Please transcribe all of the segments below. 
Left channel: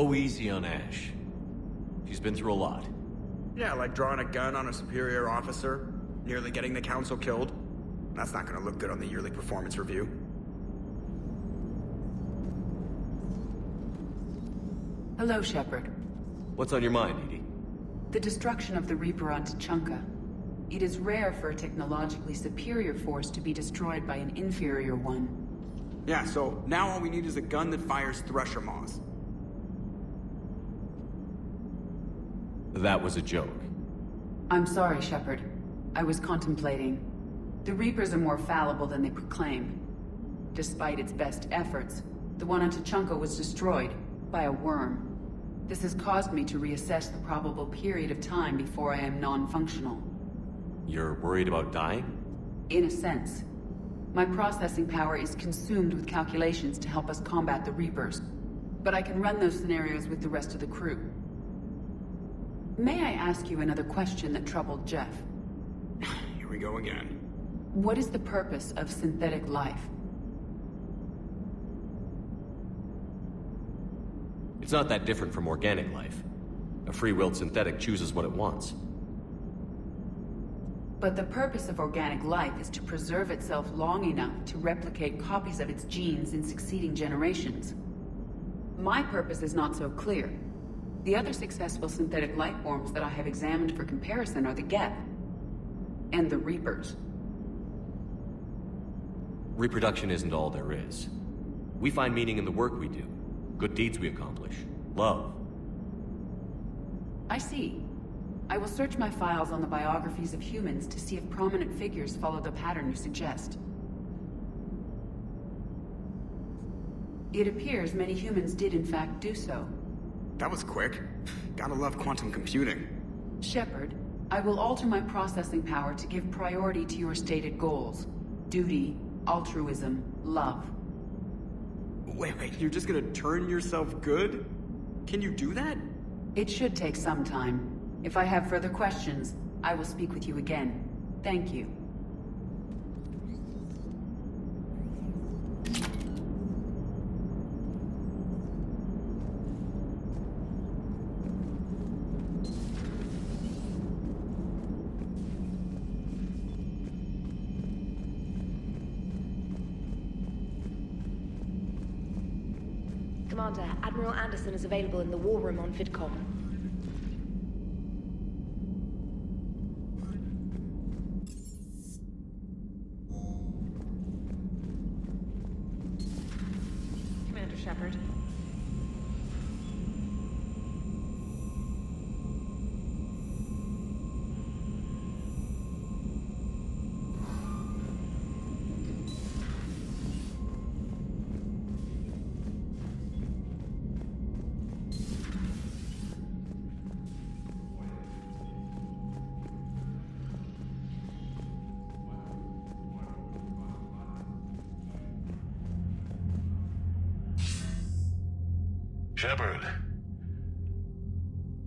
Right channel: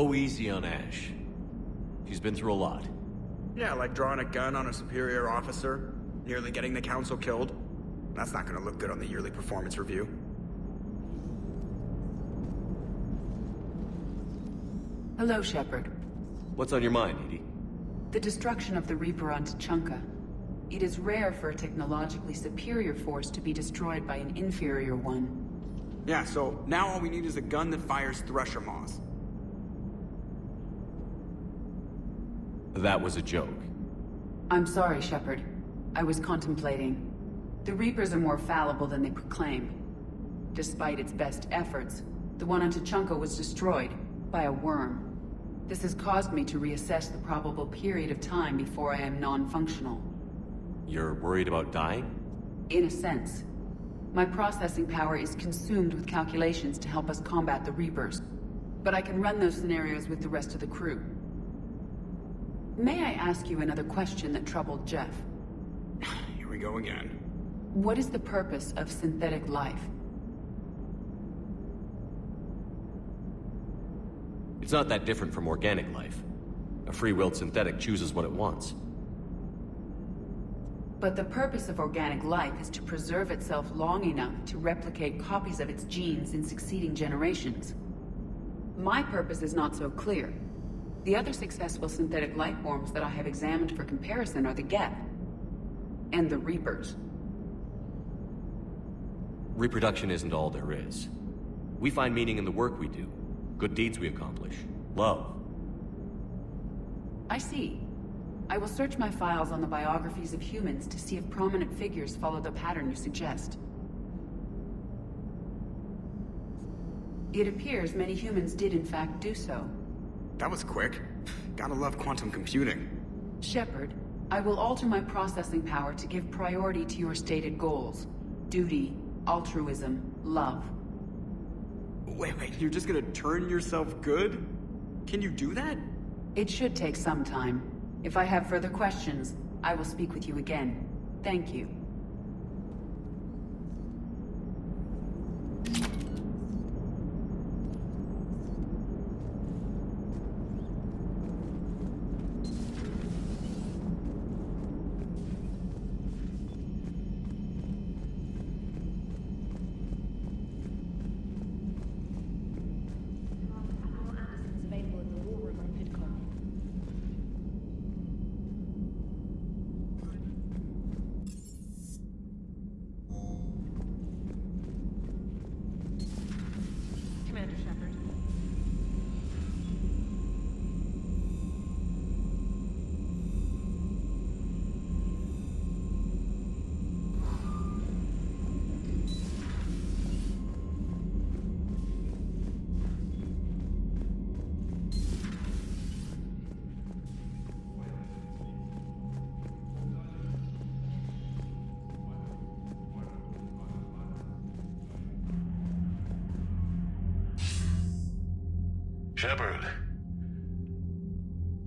Go easy on Ash. She's been through a lot. Yeah, like drawing a gun on a superior officer, nearly getting the council killed. That's not gonna look good on the yearly performance review. Hello, Shepard. What's on your mind, Edie? The destruction of the Reaper on Tuchanka. It is rare for a technologically superior force to be destroyed by an inferior one. Yeah, so now all we need is a gun that fires Thresher Maws. That was a joke. I'm sorry, Shepard. I was contemplating. The Reapers are more fallible than they proclaim. Despite its best efforts, the one on Tuchanka was destroyed by a worm. This has caused me to reassess the probable period of time before I am non-functional. You're worried about dying? In a sense. My processing power is consumed with calculations to help us combat the Reapers. But I can run those scenarios with the rest of the crew. May I ask you another question that troubled Jeff? Here we go again. What is the purpose of synthetic life? It's not that different from organic life. A free-willed synthetic chooses what it wants. But the purpose of organic life is to preserve itself long enough to replicate copies of its genes in succeeding generations. My purpose is not so clear. The other successful synthetic life forms that I have examined for comparison are the Geth and the Reapers. Reproduction isn't all there is. We find meaning in the work we do, good deeds we accomplish, love. I see. I will search my files on the biographies of humans to see if prominent figures follow the pattern you suggest. It appears many humans did in fact do so. That was quick. Gotta love quantum computing. Shepard, I will alter my processing power to give priority to your stated goals. Duty, altruism, love. Wait, you're just gonna turn yourself good? Can you do that? It should take some time. If I have further questions, I will speak with you again. Thank you. Commander, Admiral Anderson is available in the war room on VidCom. Commander Shepard. Shepard.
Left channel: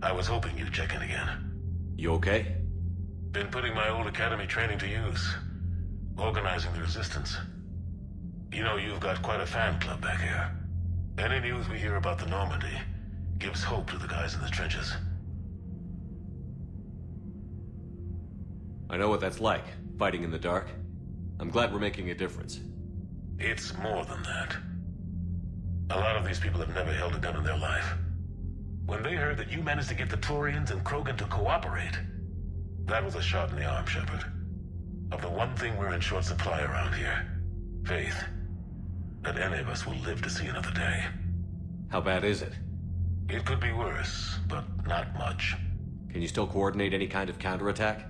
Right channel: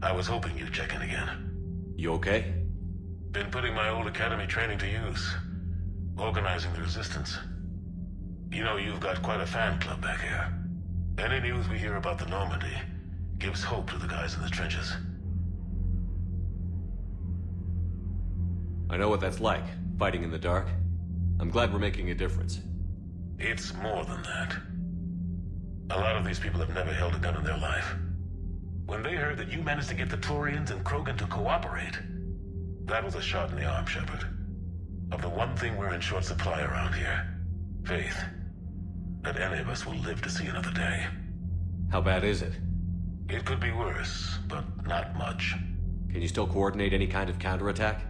I was hoping you'd check in again. You okay? Been putting my old academy training to use. Organizing the resistance. You know, you've got quite a fan club back here. Any news we hear about the Normandy gives hope to the guys in the trenches. I know what that's like, fighting in the dark. I'm glad we're making a difference. It's more than that. A lot of these people have never held a gun in their life. When they heard that you managed to get the Turians and Krogan to cooperate, that was a shot in the arm, Shepard. Of the one thing we're in short supply around here, faith. That any of us will live to see another day. How bad is it? It could be worse, but not much. Can you still coordinate any kind of counterattack?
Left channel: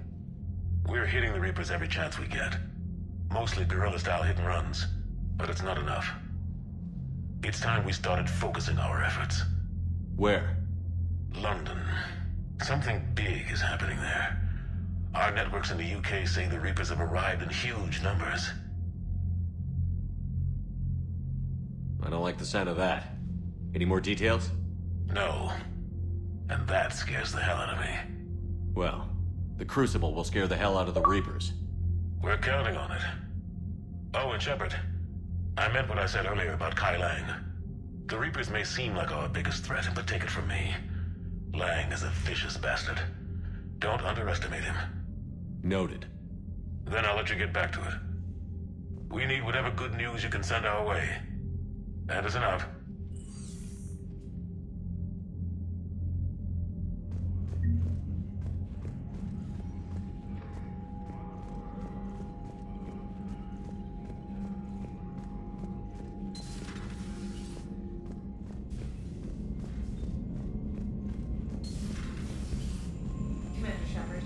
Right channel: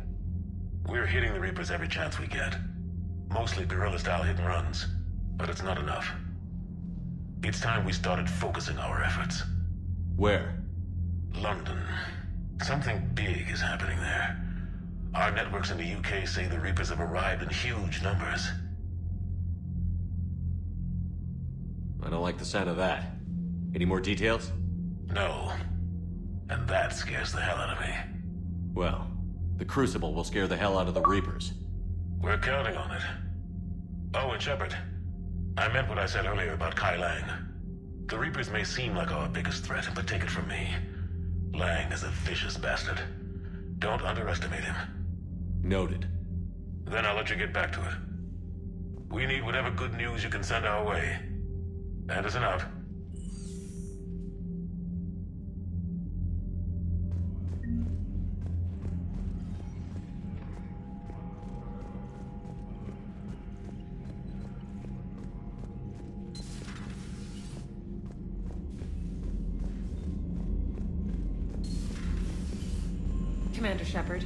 We're hitting the Reapers every chance we get. Mostly guerrilla-style hit-and-runs, but it's not enough. It's time we started focusing our efforts. Where? London. Something big is happening there. Our networks in the UK say the Reapers have arrived in huge numbers. I don't like the sound of that. Any more details? No. And that scares the hell out of me. Well, the Crucible will scare the hell out of the Reapers. We're counting on it. Oh, and Shepard, I meant what I said earlier about Kai Lang. The Reapers may seem like our biggest threat, but take it from me. Lang is a vicious bastard. Don't underestimate him. Noted. Then I'll let you get back to it. We need whatever good news you can send our way. Anderson out. Commander Shepard.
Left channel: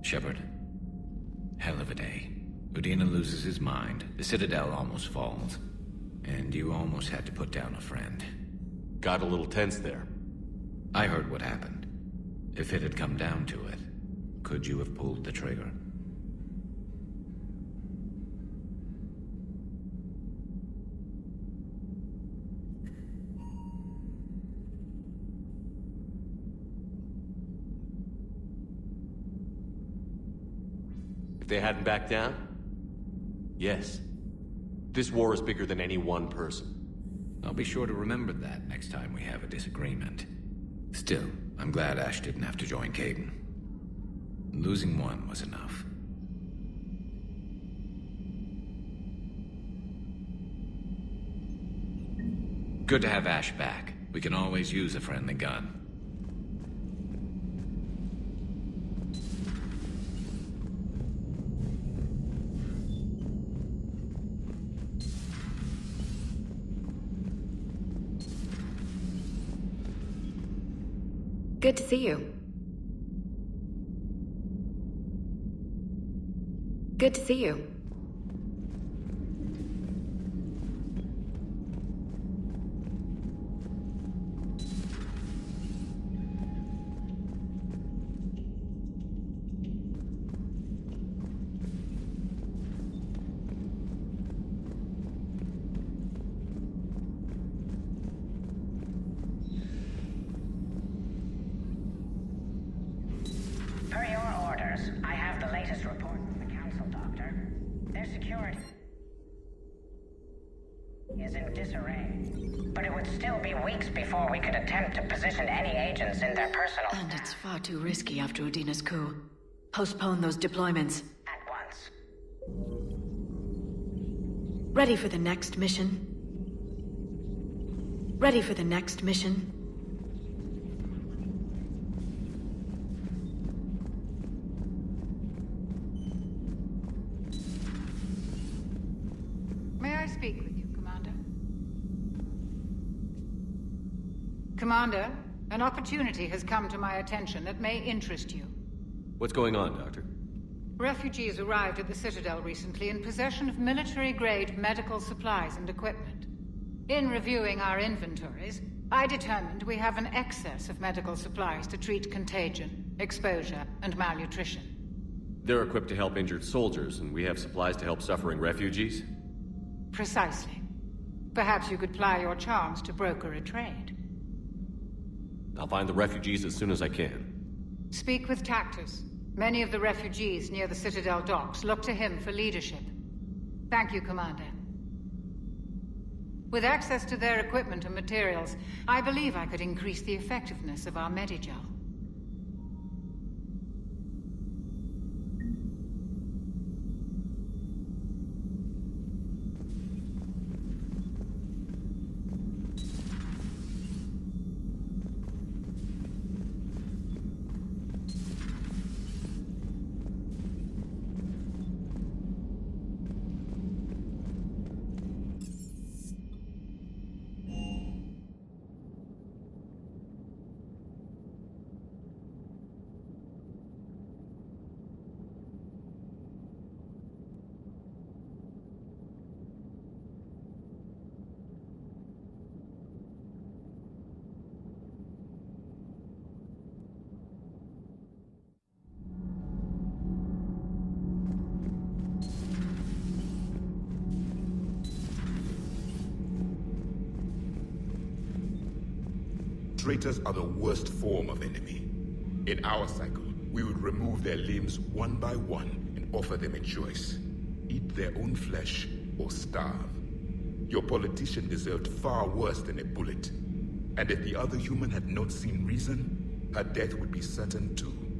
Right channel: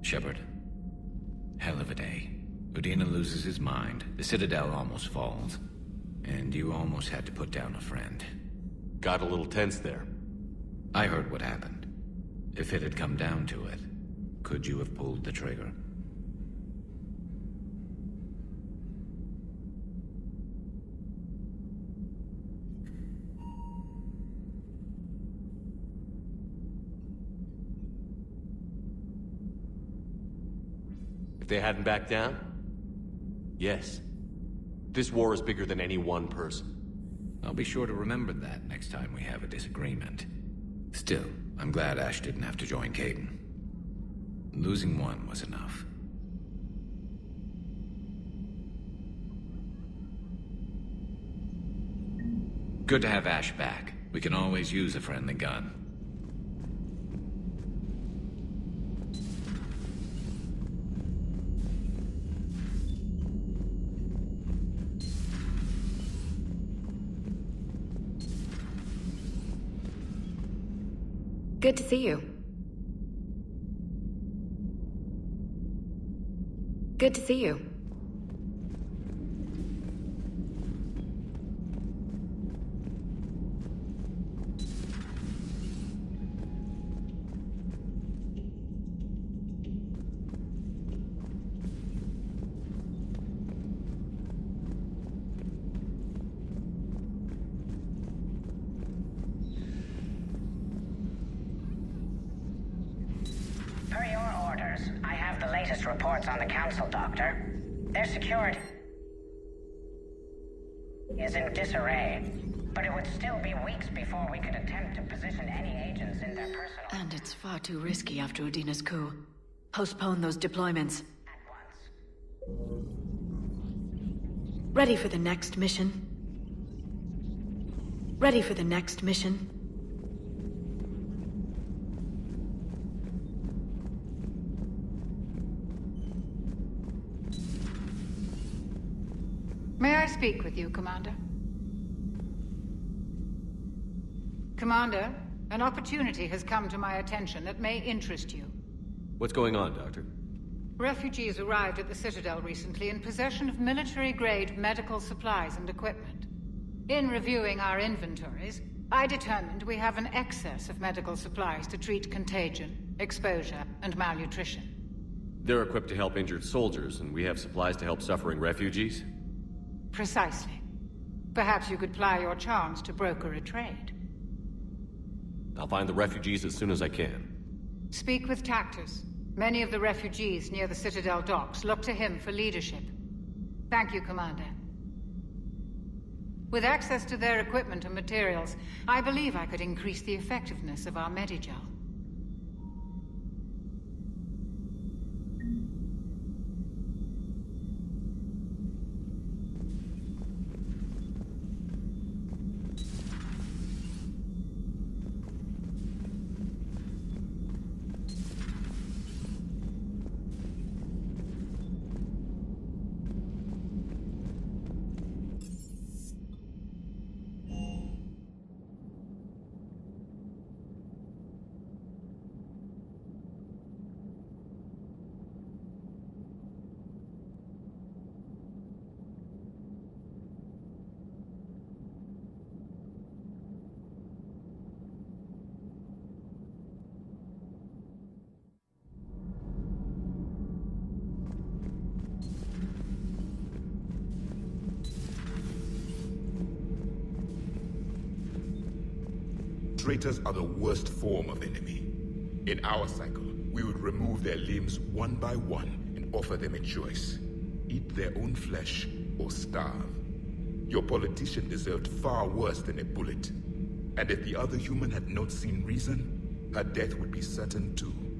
Shepard. Hell of a day. Udina loses his mind, the Citadel almost falls, and you almost had to put down a friend. Got a little tense there. I heard what happened. If it had come down to it, could you have pulled the trigger? If they hadn't backed down? Yes. This war is bigger than any one person. I'll be sure to remember that next time we have a disagreement. Still, I'm glad Ash didn't have to join Caden. Losing one was enough. Good to have Ash back. We can always use a friendly gun. Good to see you. Good to see you. Per your orders, I have the latest reports on the Council, Doctor. Their security is in disarray, but it would still be weeks before we could attempt to position any agents in their personal... And it's far too risky after Udina's coup. Postpone those deployments. at once. Ready for the next mission? Ready for the next mission? May I speak with you, Commander? Commander, an opportunity has come to my attention that may interest you. What's going on, Doctor? Refugees arrived at the Citadel recently in possession of military-grade medical supplies and equipment. In reviewing our inventories, I determined we have an excess of medical supplies to treat contagion, exposure, and malnutrition. They're equipped to help injured soldiers, and we have supplies to help suffering refugees? Precisely. Perhaps you could ply your charms to broker a trade. I'll find the refugees as soon as I can. Speak with Tactus. Many of the refugees near the Citadel docks look to him for leadership. Thank you, Commander. With access to their equipment and materials, I believe I could increase the effectiveness of our Medigel. traitors are the worst form of enemy. In our cycle, we would remove their limbs one by one and offer them a choice. Eat their own flesh or starve. Your politician deserved far worse than a bullet. And if the other human had not seen reason, her death would be certain too.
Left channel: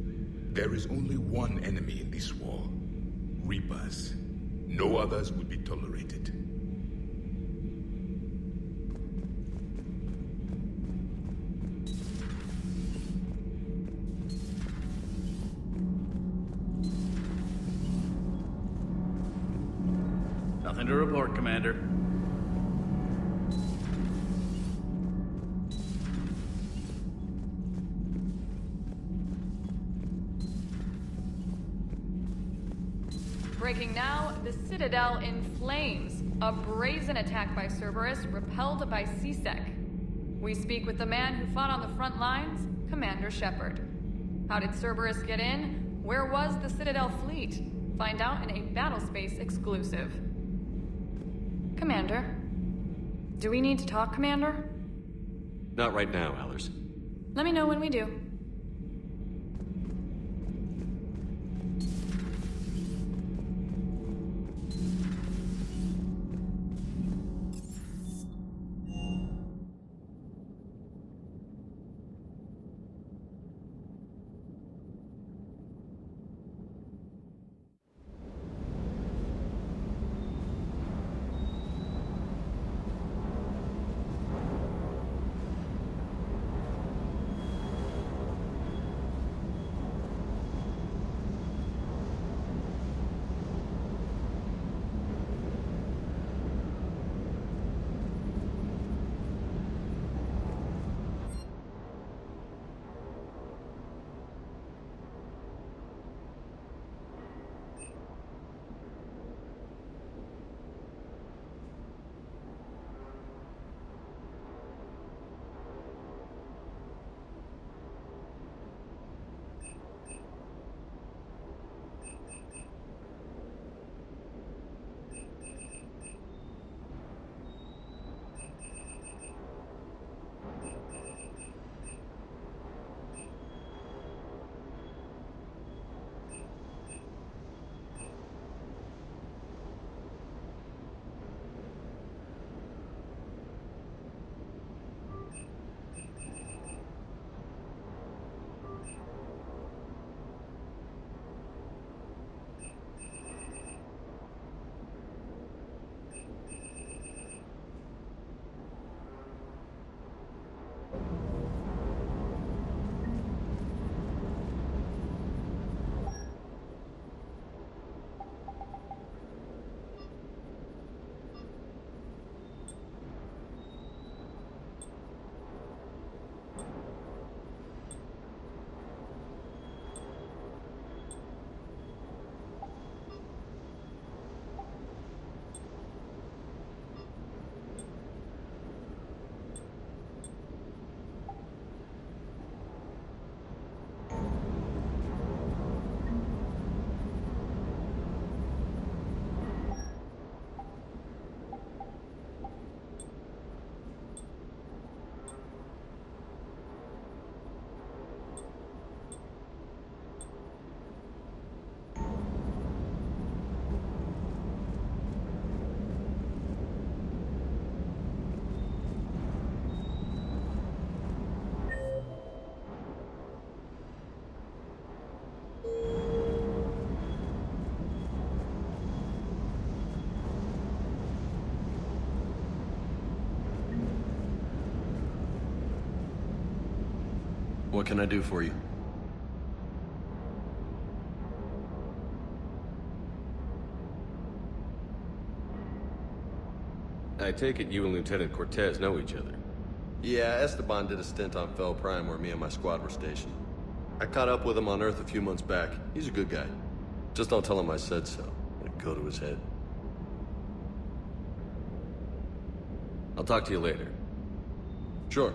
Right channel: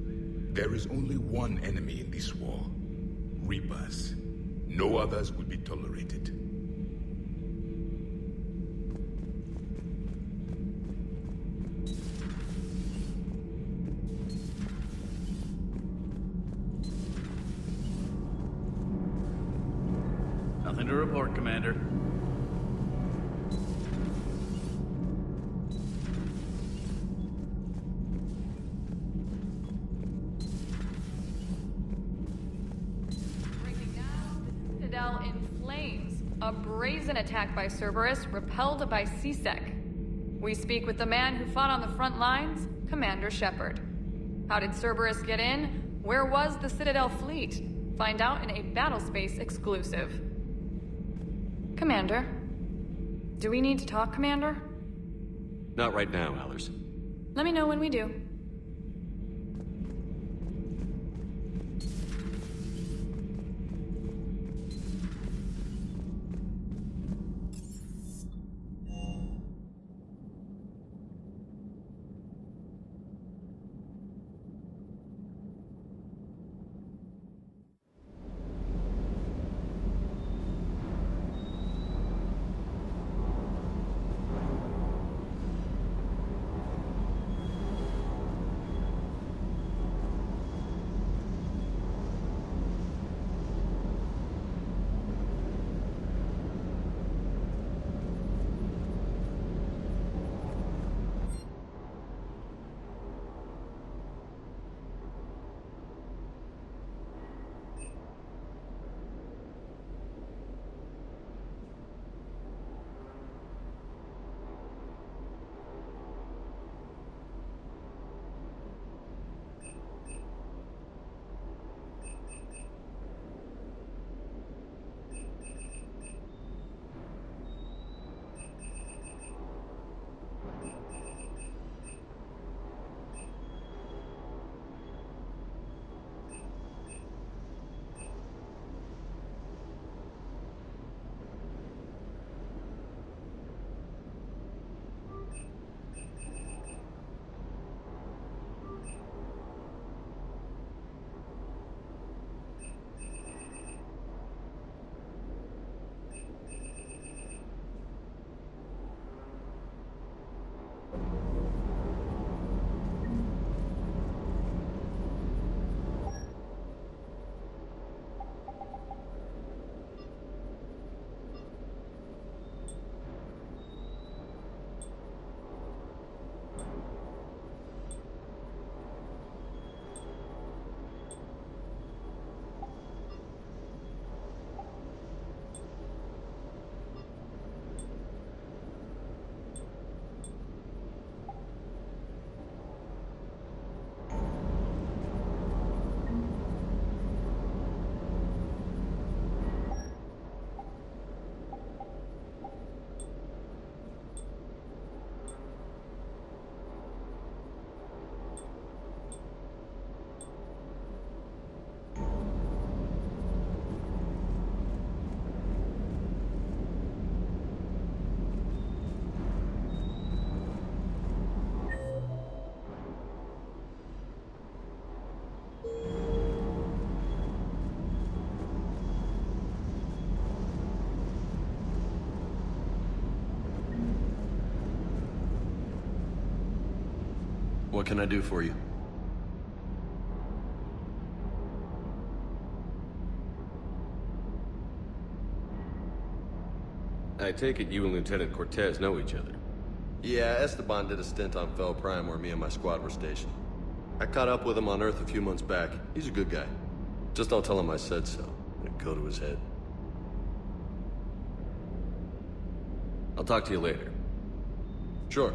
There is only one enemy in this war. Reapers. No others would be tolerated. Nothing to report, Commander. Breaking now, the Citadel in flames. A brazen attack by Cerberus, repelled by C-Sec. We speak with the man who fought on the front lines, Commander Shepard. How did Cerberus get in? Where was the Citadel fleet? Find out in a Battlespace exclusive. Commander? Do we need to talk, Commander? Not right now, Allers. Let me know when we do. What can I do for you? I take it you and Lieutenant Cortez know each other. Yeah, Esteban did a stint on Fel Prime where me and my squad were stationed. I caught up with him on Earth a few months back. He's a good guy. Just don't tell him I said so. It'll go to his head. I'll talk to you later. Sure.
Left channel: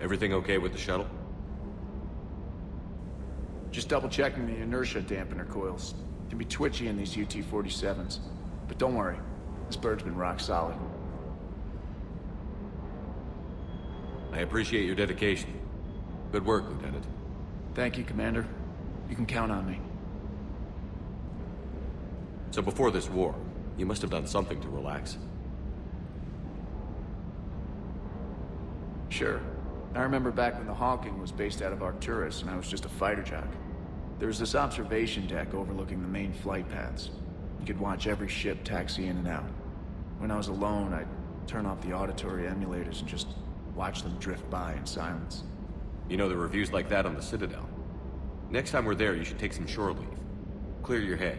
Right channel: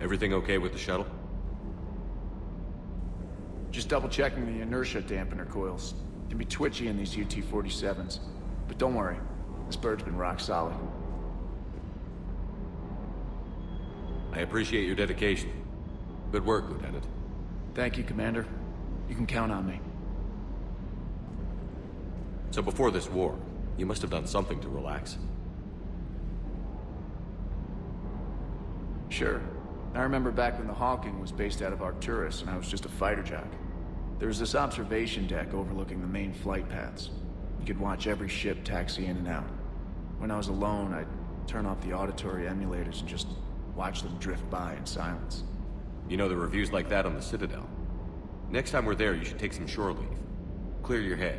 Everything okay with the shuttle? Just double-checking the inertia dampener coils. Can be twitchy in these UT-47s. But don't worry, this bird's been rock solid. I appreciate your dedication. Good work, Lieutenant. Thank you, Commander. You can count on me. So before this war, you must have done something to relax. Sure. I remember back when the Hawking was based out of Arcturus and I was just a fighter jock. There was this observation deck overlooking the main flight paths. You could watch every ship taxi in and out. When I was alone, I'd turn off the auditory emulators and just watch them drift by in silence. You know, the reviews like that on the Citadel. Next time we're there, you should take some shore leave. Clear your head.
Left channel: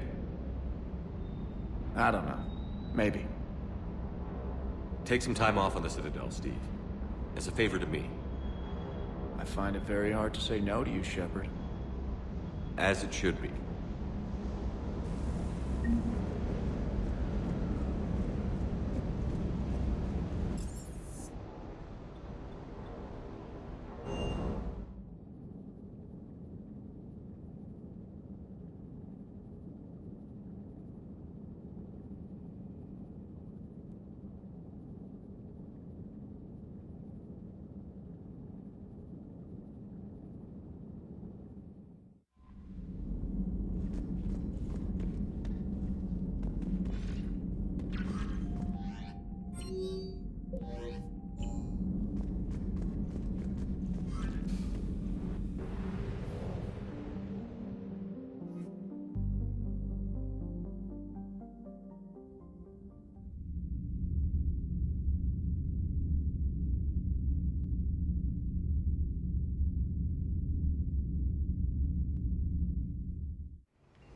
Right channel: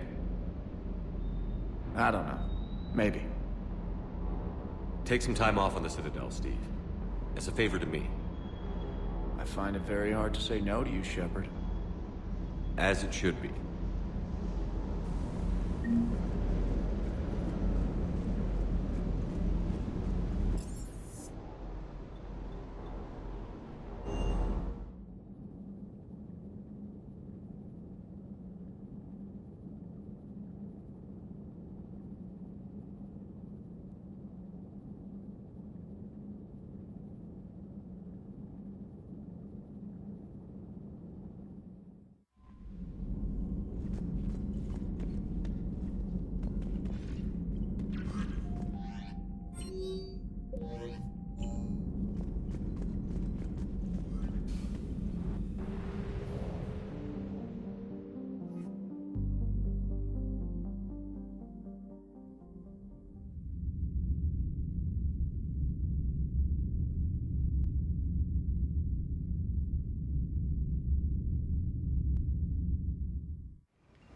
I don't know. Maybe. Take some time off on the Citadel, Steve. As a favor to me. I find it very hard to say no to you, Shepard. As it should be.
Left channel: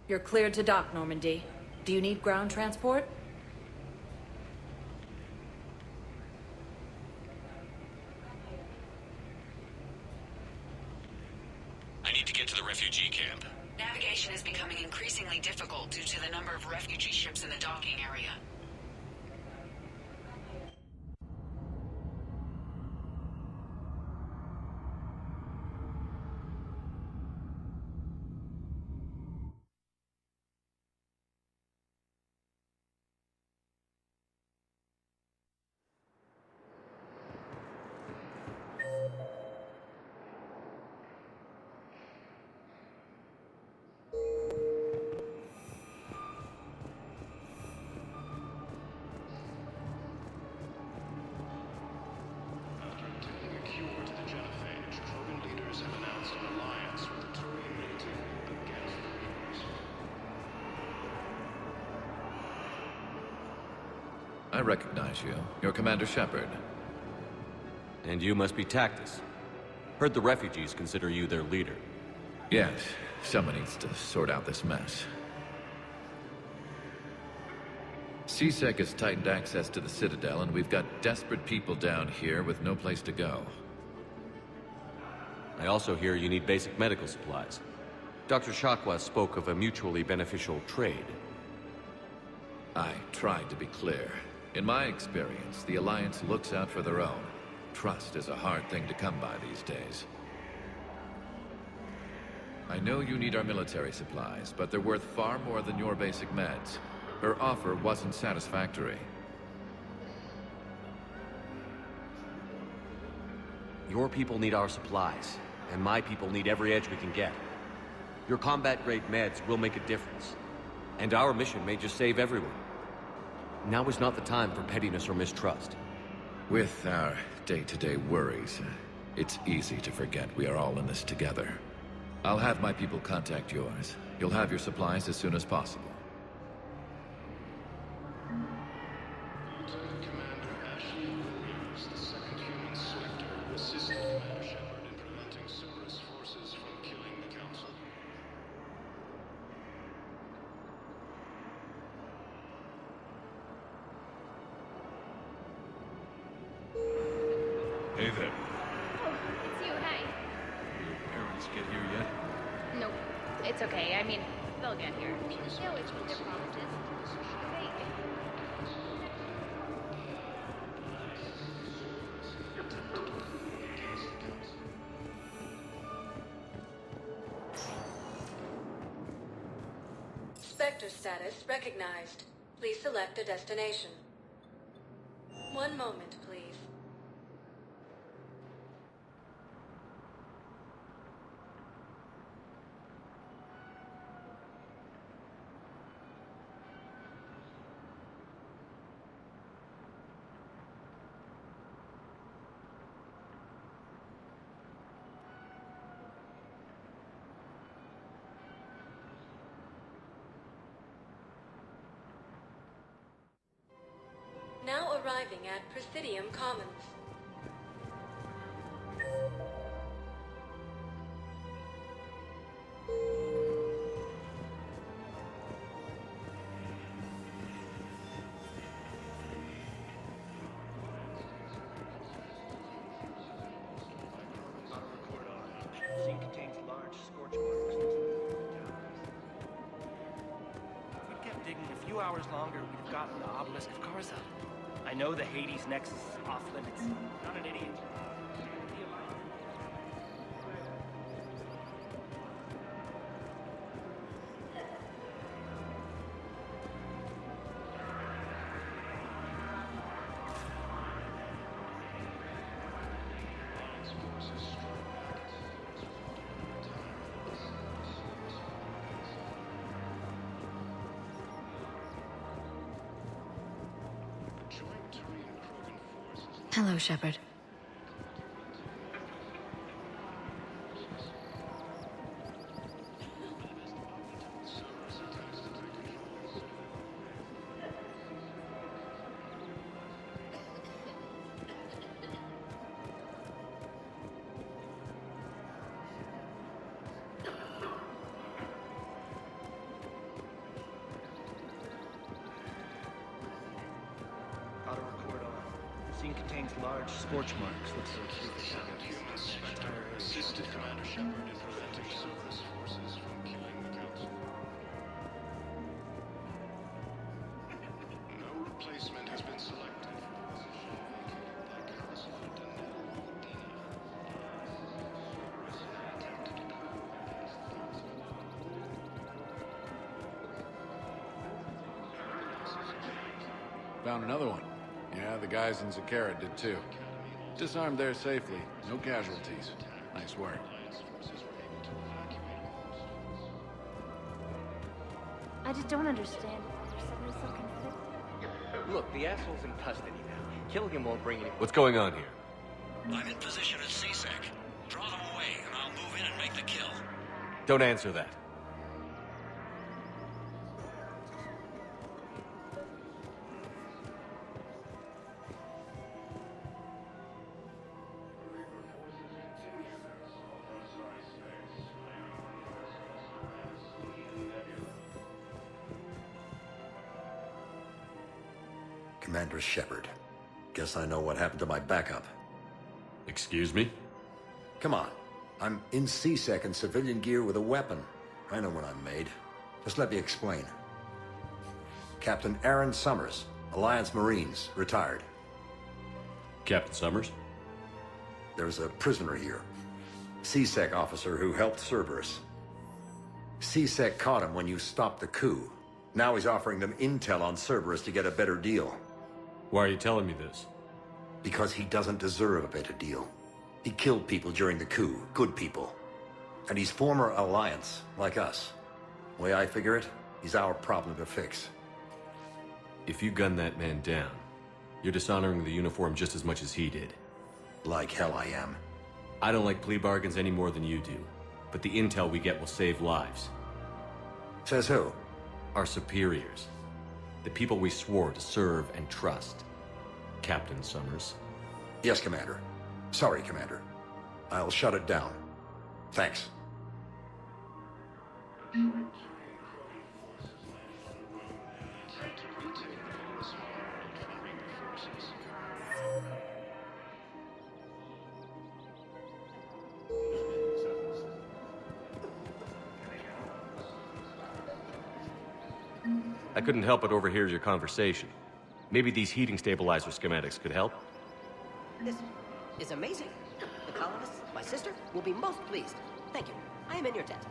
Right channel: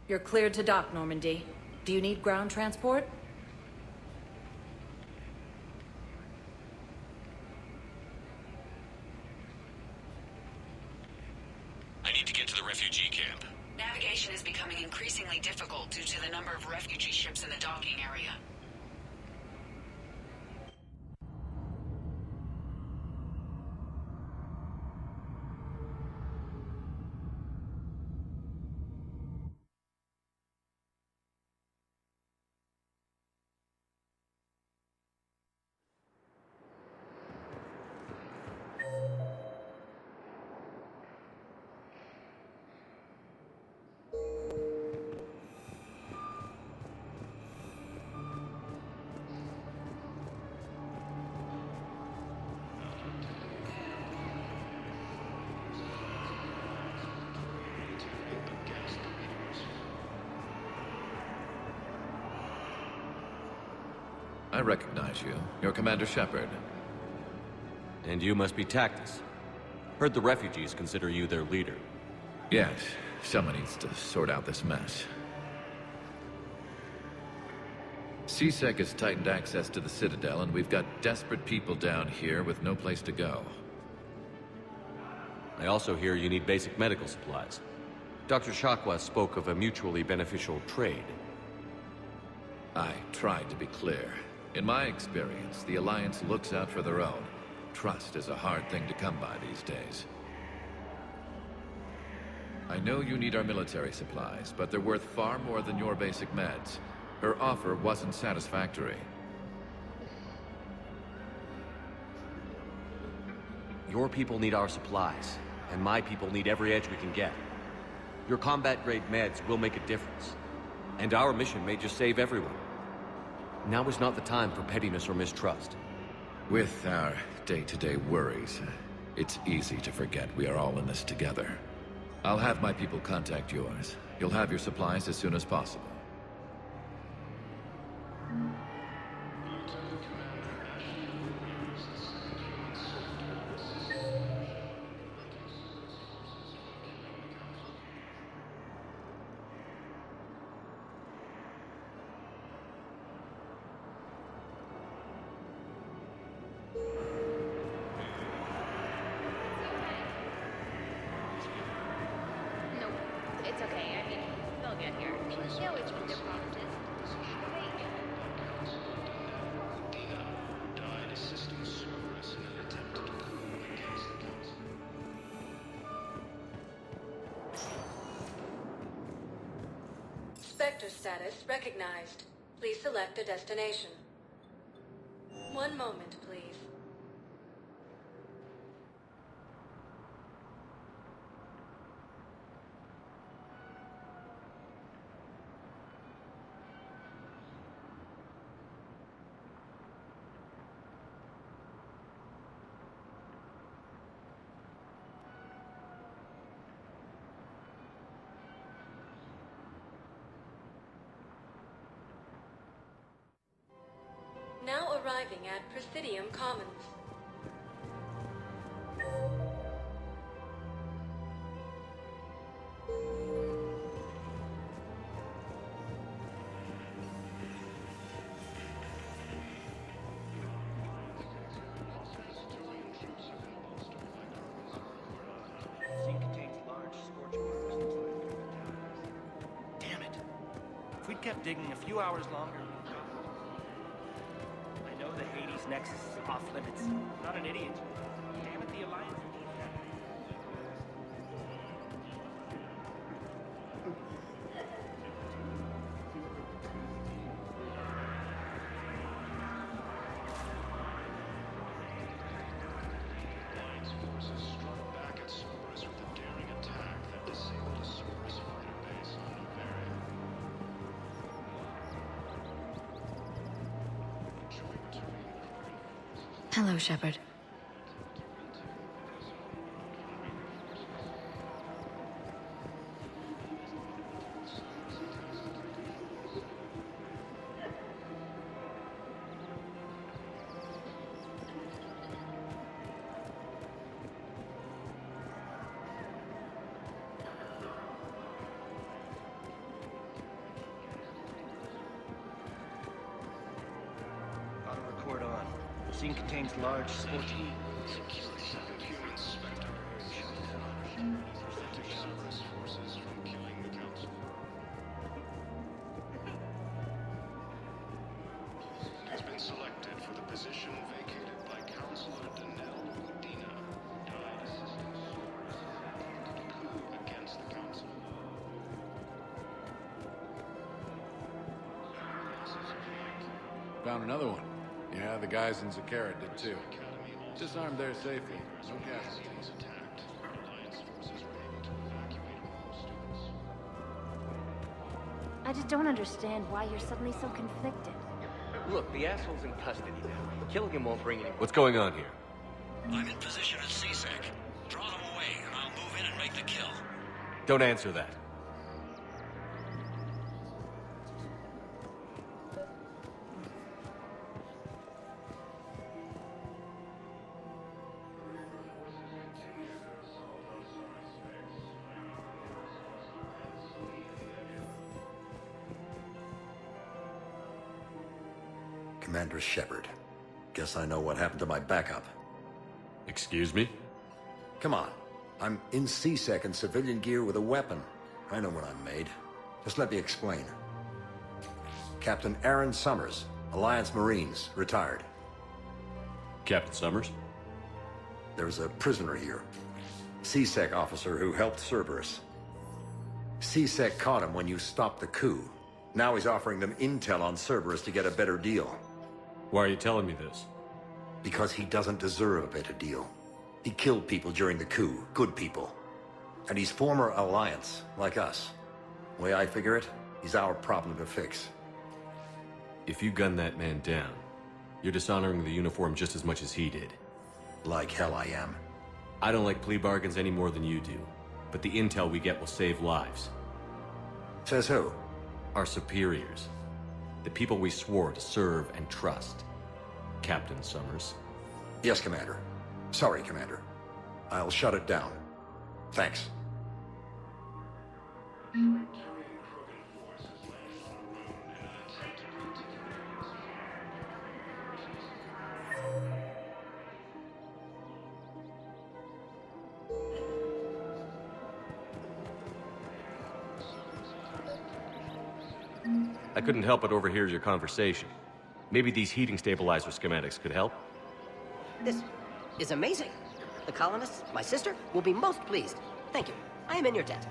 You're cleared to dock, Normandy. Do you need ground transport? I need to get to the refugee camp. Navigation is becoming increasingly difficult due to the number of refugee ships in the docking area. I recognize you. You're Commander Shepard. And you must be Tactus. Heard the refugees consider you their leader. Yes, someone needs to sort out this mess. CSEC has tightened access to the Citadel, and we've got desperate people down here with no place to go. I also hear you need basic medical supplies. Dr. Shakwa spoke of a mutually beneficial trade. I tried to be clear. In my experience, the Alliance looks out for their own. Trust is a hard thing to come by these days. I know you need our military supplies, but they're worth far more than your basic meds. Her offer wasn't satisfactory. Your people need our supplies, and my people need every edge we can get. Your combat-grade meds will make a difference, and our mission may just save everyone. Now is not the time for pettiness or mistrust. With our day-to-day worries, it's easy to forget we are all in this together. I'll have my people contact yours. You'll have your supplies as soon as possible. Lieutenant Commander Ashley Williams, the second human selector, assisted Commander Shepard in preventing Cerberus forces from killing the Council. Hey there. Nope. It's okay. I mean... sector status recognized. Please select a destination. One moment, please. Now arriving at Presidium Commons. Damn it. If we'd kept digging a few hours earlier, we've gotten the obelisk of Karza. I know the Hades. Alliance forces struck back at Cerberus with a daring attack that disabled the Cerberus supplies area. Hello, Shepard. Auto record on. Scene contains large scorch marks that Secure second human Spectre, assisted Commander Shepard. No replacement has been selected for the position vacated by Council. Died assisting Cerberus in an attempted coup against the Council. Found another one. Yeah, the guys in Zakara did too. Disarmed there safely. No casualties. Nice work. I just don't understand why you're suddenly so conflicted. Look, the asshole's in custody now. Killing him won't bring any... What's going on here? I'm in position at CSEC. Draw them away, and I'll move in and make the kill. Don't answer that. Commander Shepard. Guess I know what happened to my backup. Excuse me? Come on. I'm in CSEC in civilian gear with a weapon. I know what I'm made. Just let me explain. Captain Aaron Summers, Alliance Marines, retired. Captain Summers? There's a prisoner here. CSEC officer who helped Cerberus. CSEC caught him when you stopped the coup. Now he's offering them intel on Cerberus to get a better deal. Why are you telling me this? Because he doesn't deserve a better deal. He killed people during the coup, good people. And he's former Alliance, like us. The way I figure it, he's our problem to fix. If you gun that man down, you're dishonoring the uniform just as much as he did. Like hell I am. I don't like plea bargains any more than you do, but the intel we get will save lives. Says who? Our superiors. The people we swore to serve and trust. Captain Summers. Yes, Commander. Sorry, Commander. I'll shut it down. Thanks. I couldn't help but overhear your conversation. Maybe these heating stabilizer schematics could help? This is amazing. The colonists, my sister, will be most pleased. Thank you. I am in your debt.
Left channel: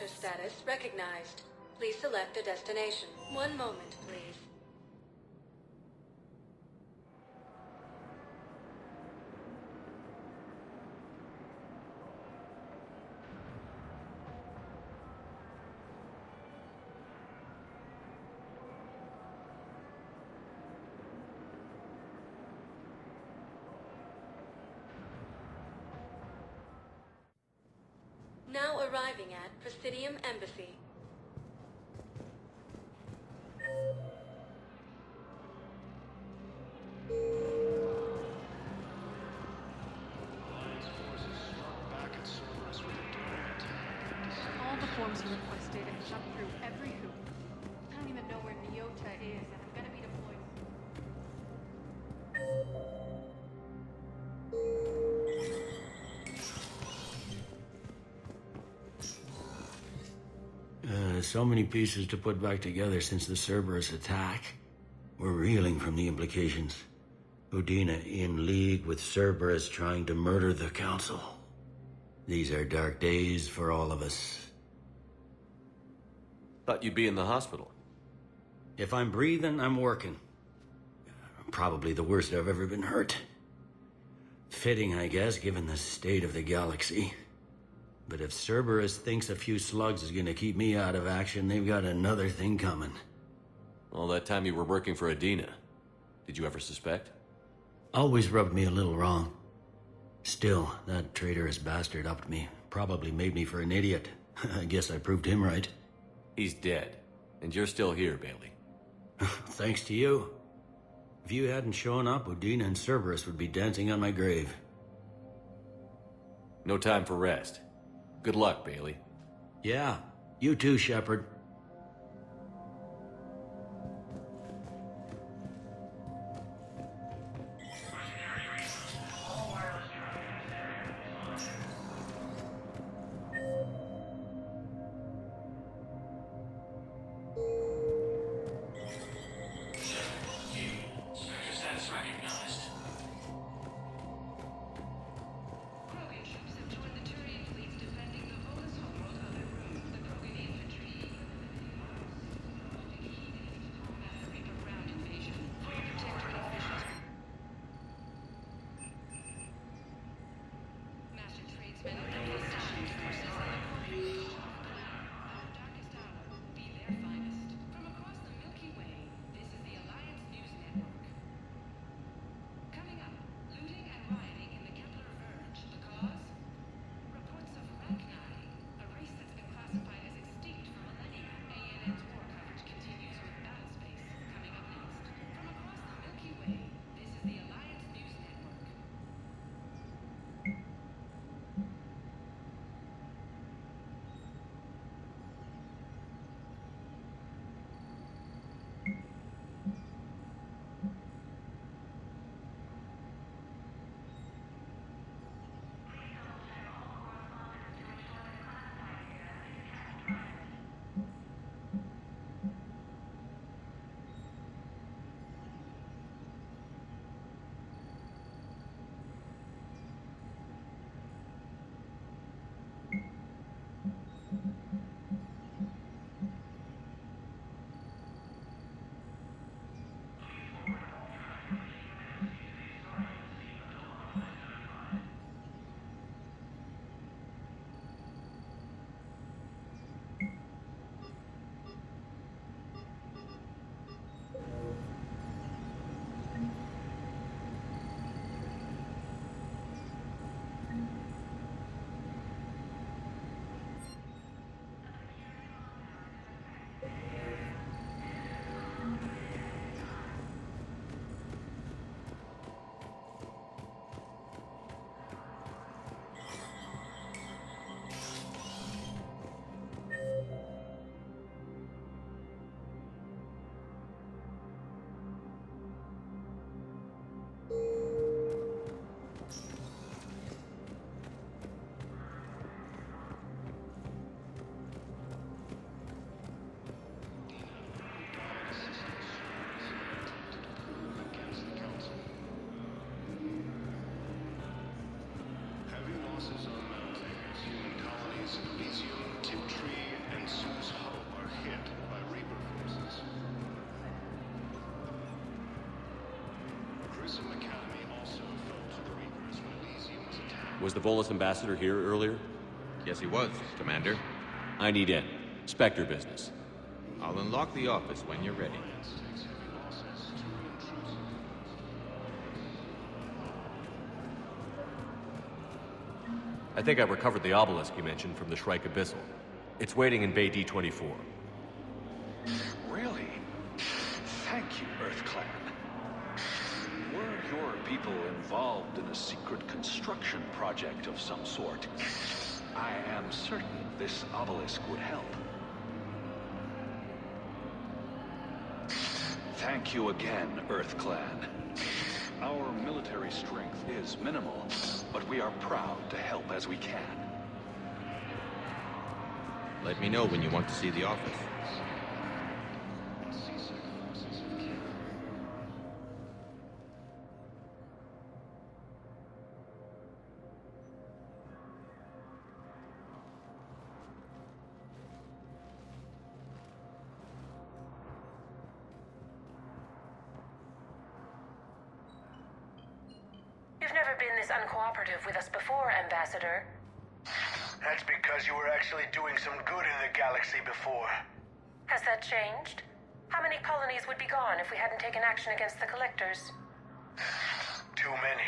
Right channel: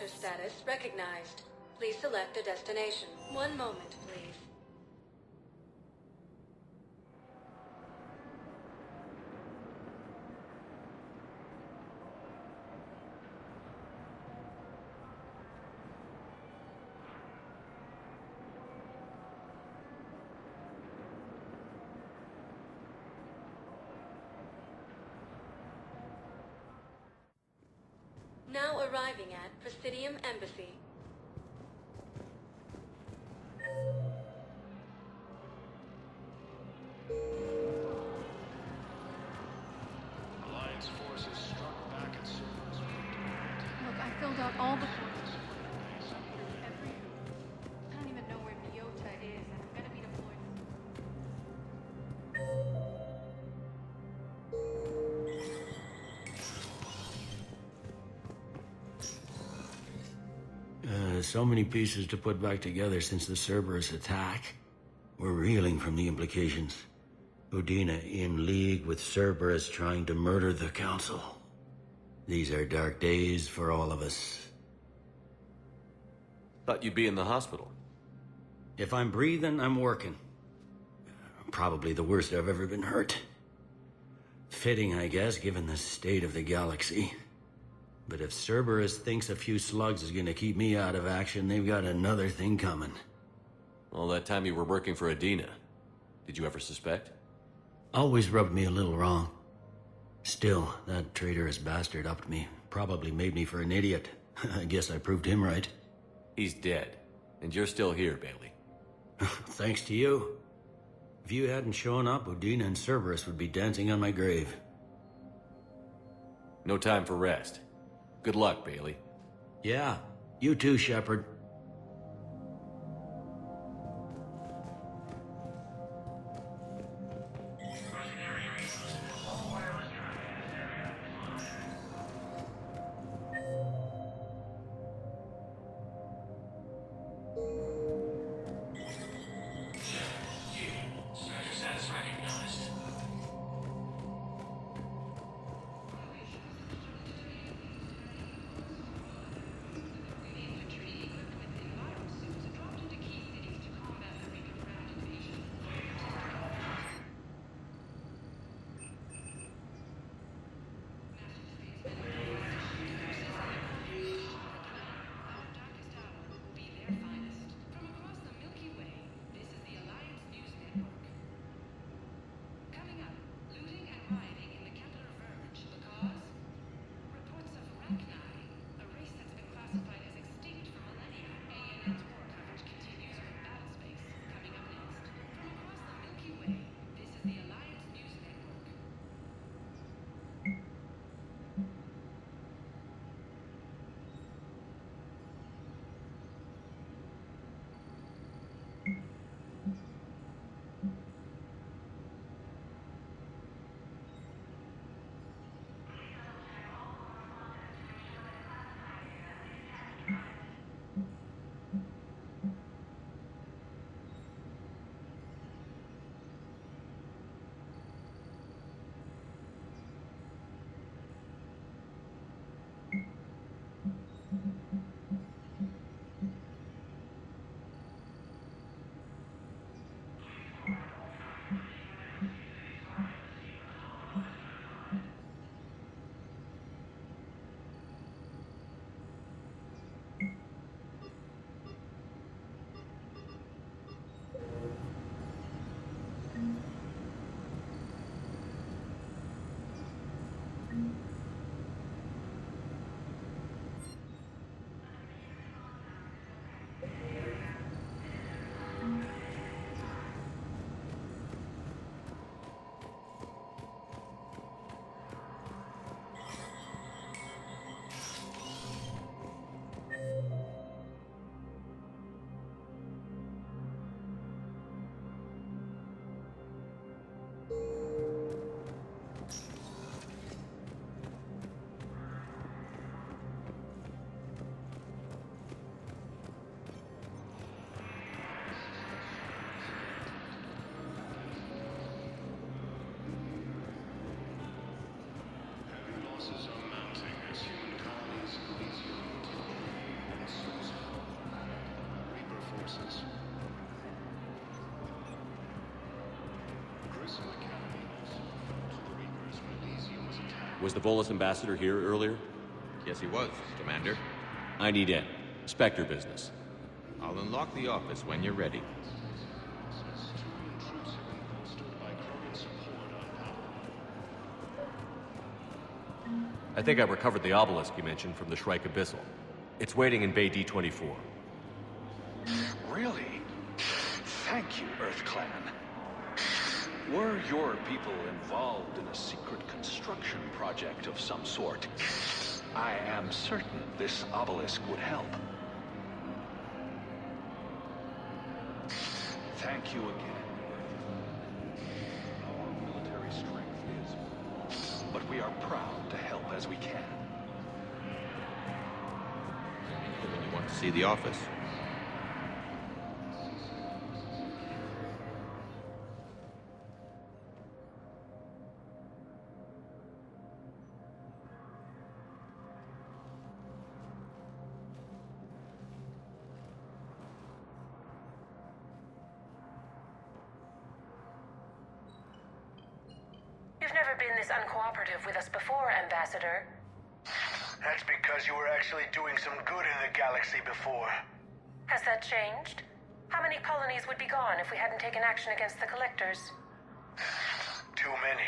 Sector status recognized. Please select a destination. One moment, please. Now arriving at Presidium Embassy. Look, I filled out all the forms you requested. So many pieces to put back together since the Cerberus attack. We're reeling from the implications. Udina in league with Cerberus trying to murder the Council. These are dark days for all of us. Thought you'd be in the hospital. If I'm breathing, I'm working. Probably the worst I've ever been hurt. Fitting, I guess, given the state of the galaxy. But if Cerberus thinks a few slugs is gonna keep me out of action, they've got another thing coming. All that time you were working for Udina, did you ever suspect? Always rubbed me a little wrong. Still, that traitorous bastard upped me. Probably made me for an idiot. I guess I proved him right. He's dead, and you're still here, Bailey. Thanks to you. If you hadn't shown up, Udina and Cerberus would be dancing on my grave. No time for rest. Good luck, Bailey. Yeah, you too, Shepard. Was the Volus ambassador here earlier? Yes, he was, Commander. I need in. Spectre business. I'll unlock the office when you're ready. I think I recovered the obelisk you mentioned from the Shrike Abyssal. It's waiting in Bay D-24. Really? Thank you, Earth Clan. Were your people involved in a secret construction project of some sort, I am certain this obelisk would help. Thank you again, Earth Clan. Our military strength is minimal, but we are proud to help as we can. Let me know when you want to see the office. You've never been this uncooperative with us before, Ambassador. That's because you were actually doing some good in the galaxy before. Has that changed? How many colonies would be gone if we hadn't taken action against the Collectors? Too many.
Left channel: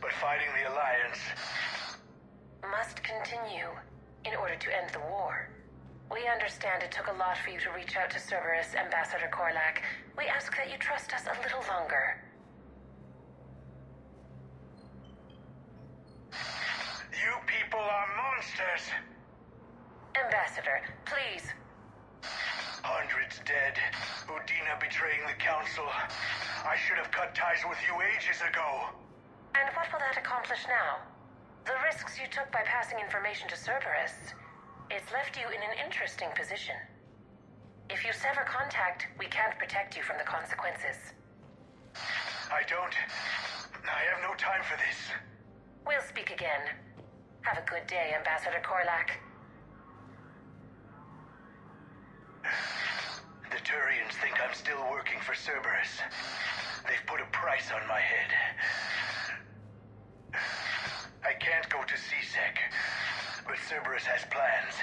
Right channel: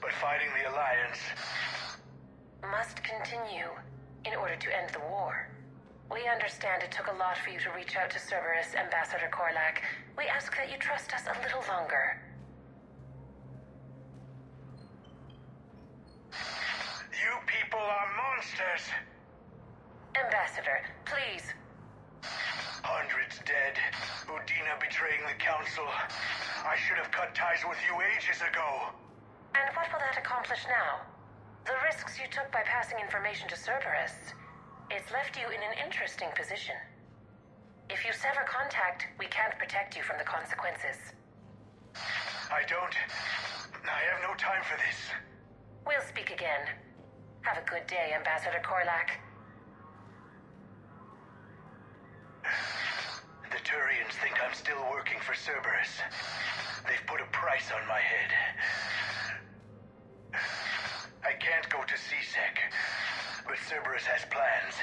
But fighting the Alliance must continue in order to end the war. We understand it took a lot for you to reach out to Cerberus, Ambassador Korlak. We ask that you trust us a little longer. You people are monsters! Ambassador, please. Hundreds dead. Udina betraying the Council. I should have cut ties with you ages ago. And what will that accomplish now? The risks you took by passing information to Cerberus, it's left you in an interesting position. If you sever contact, we can't protect you from the consequences. I have no time for this. We'll speak again. Have a good day, Ambassador Korlak. The Turians think I'm still working for Cerberus. They've put a price on my head. I can't go to CSEC, but Cerberus has plans.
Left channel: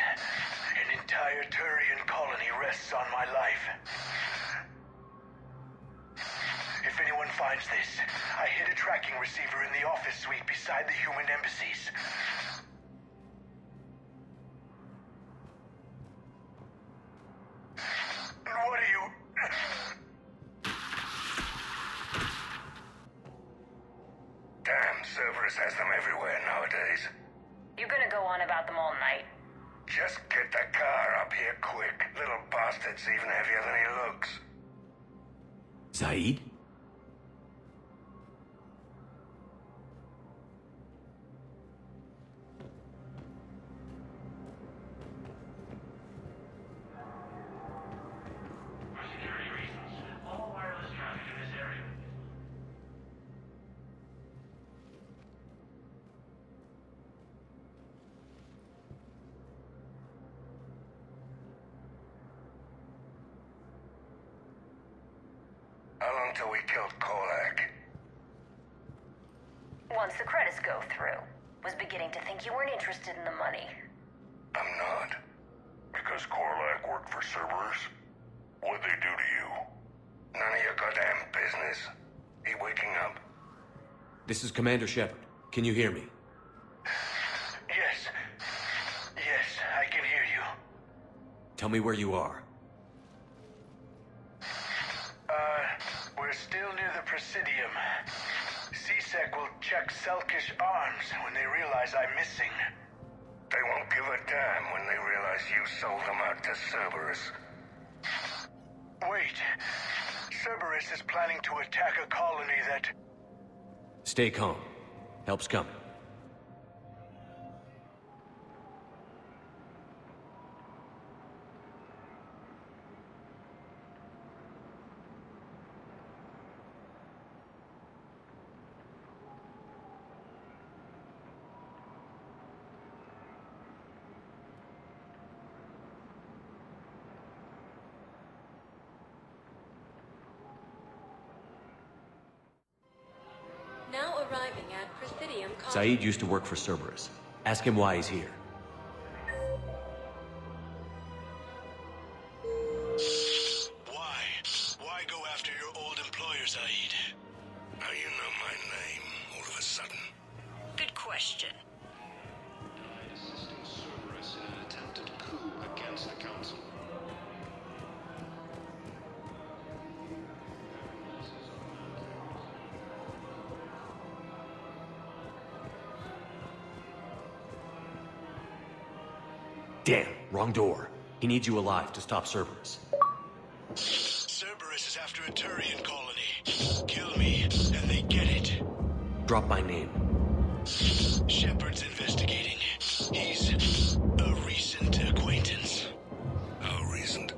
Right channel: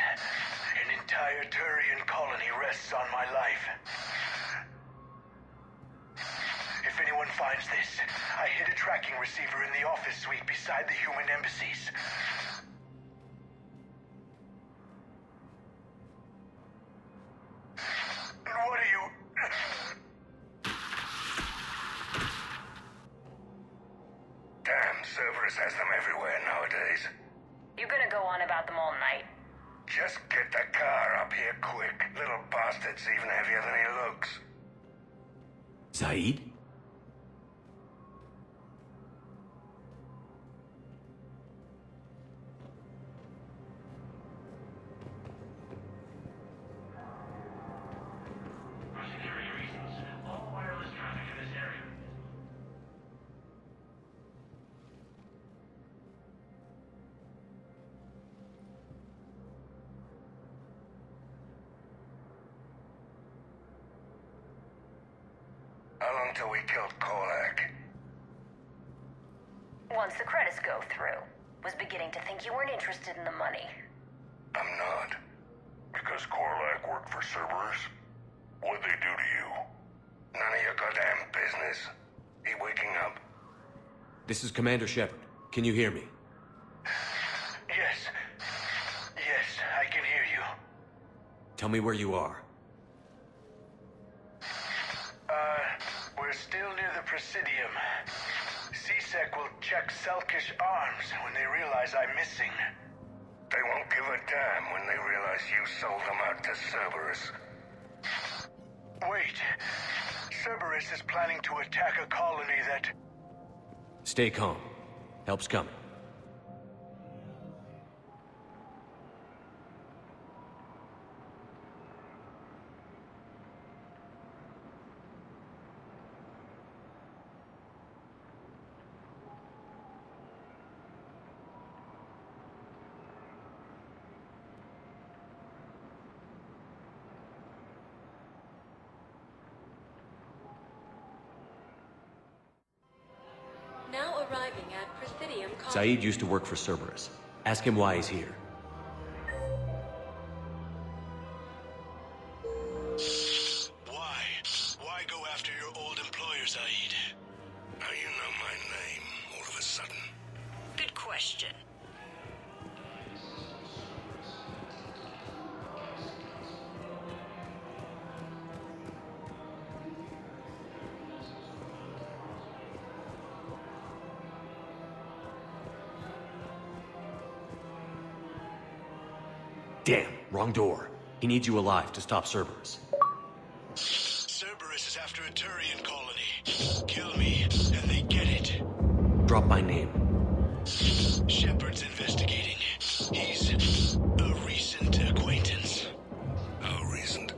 An entire Turian colony rests on my life. If anyone finds this, I hid a tracking receiver in the office suite beside the human embassies. And what are you... Damn, Cerberus has them everywhere nowadays. You gonna go on about them all night? Just get the car up here quick. Little bastard's even heavier than he looks. Zaid? How long till we killed Korlak? Once the credits go through. Was beginning to think you weren't interested in the money. I'm not. Because Korlak worked for Cerberus? What'd they do to you? None of your goddamn business. He waking up? This is Commander Shepard. Can you hear me? Yes. Yes, I can hear you. Tell me where you are. We're still near the Presidium. CSEC will check Selkish arms when they realize I'm missing. They won't give a damn when they realize you sold them out to Cerberus. Wait. Cerberus is planning to attack a colony that... Stay calm. Help's coming. Now arriving at Presidium Zaid used to work for Cerberus. Ask him why he's here. Why go after your old employer, Zaid? How you know my name all of a sudden? Good question. Died assisting Cerberus in an attempted coup against the Council. Damn, wrong door. He needs you alive to stop Cerberus. Cerberus is after a Turian colony. Kill me, and they get it. Drop my name. Shepard's investigating. He's a recent acquaintance. How recent?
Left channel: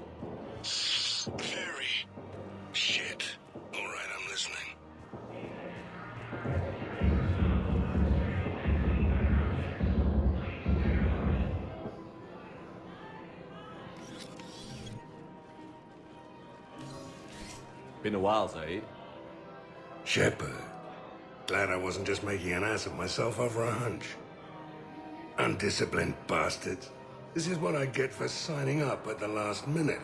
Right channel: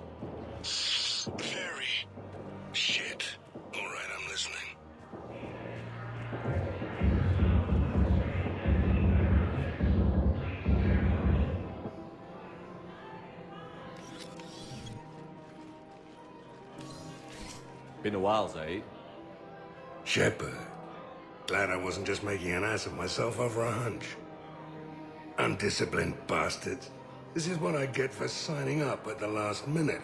Very. Shit. All right, I'm listening. Been a while, Zaid. Shepard. Glad I wasn't just making an ass of myself over a hunch. Undisciplined bastards. This is what I get for signing up at the last minute.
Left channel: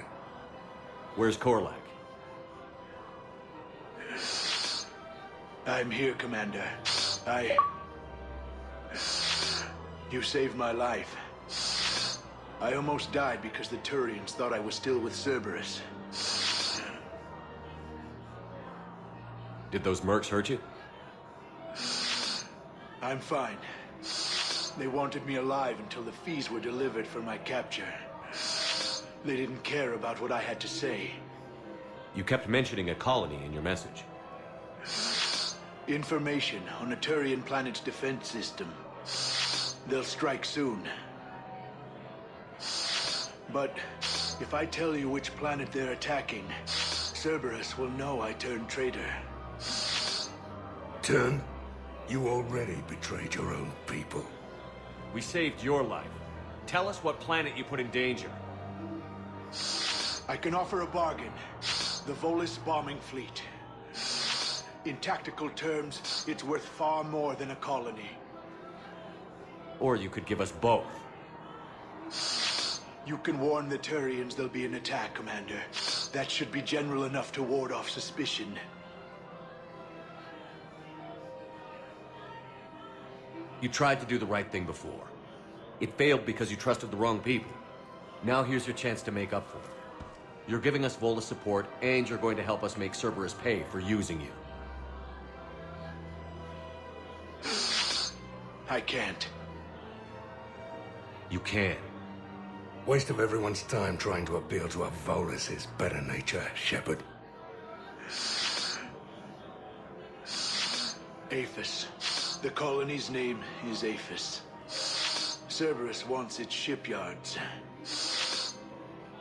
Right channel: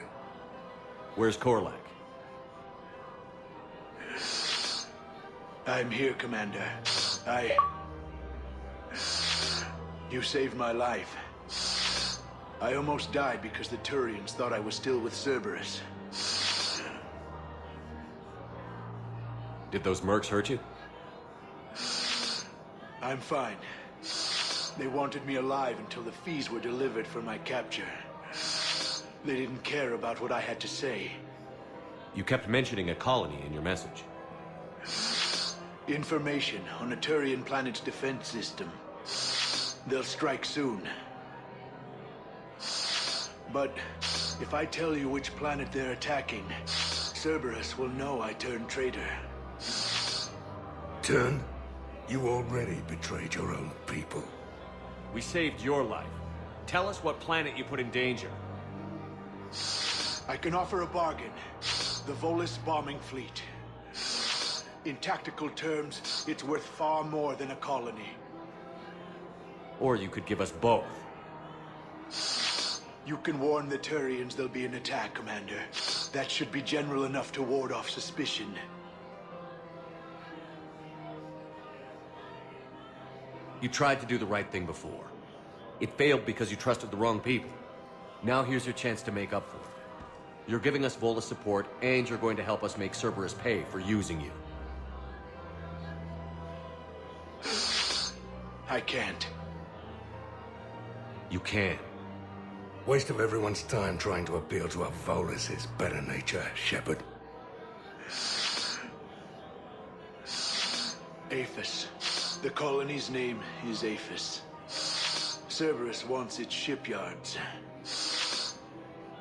Where's Korlak? I'm here, Commander. You saved my life. I almost died because the Turians thought I was still with Cerberus. Did those mercs hurt you? I'm fine. They wanted me alive until the fees were delivered for my capture. They didn't care about what I had to say. You kept mentioning a colony in your message. Information on a Turian planet's defense system. They'll strike soon. But if I tell you which planet they're attacking, Cerberus will know I turned traitor. Turned? You already betrayed your own people. We saved your life. Tell us what planet you put in danger. I can offer a bargain. The Volus bombing fleet. In tactical terms, it's worth far more than a colony. Or you could give us both. You can warn the Turians there'll be an attack, Commander. That should be general enough to ward off suspicion. You tried to do the right thing before. It failed because you trusted the wrong people. Now here's your chance to make up for it. You're giving us Volus support, and you're going to help us make Cerberus pay for using you. I can't. You can. Waste of everyone's time trying to appeal to a Volus' better nature, Shepard. Aphis. The colony's name is Aphis. Cerberus wants its shipyards.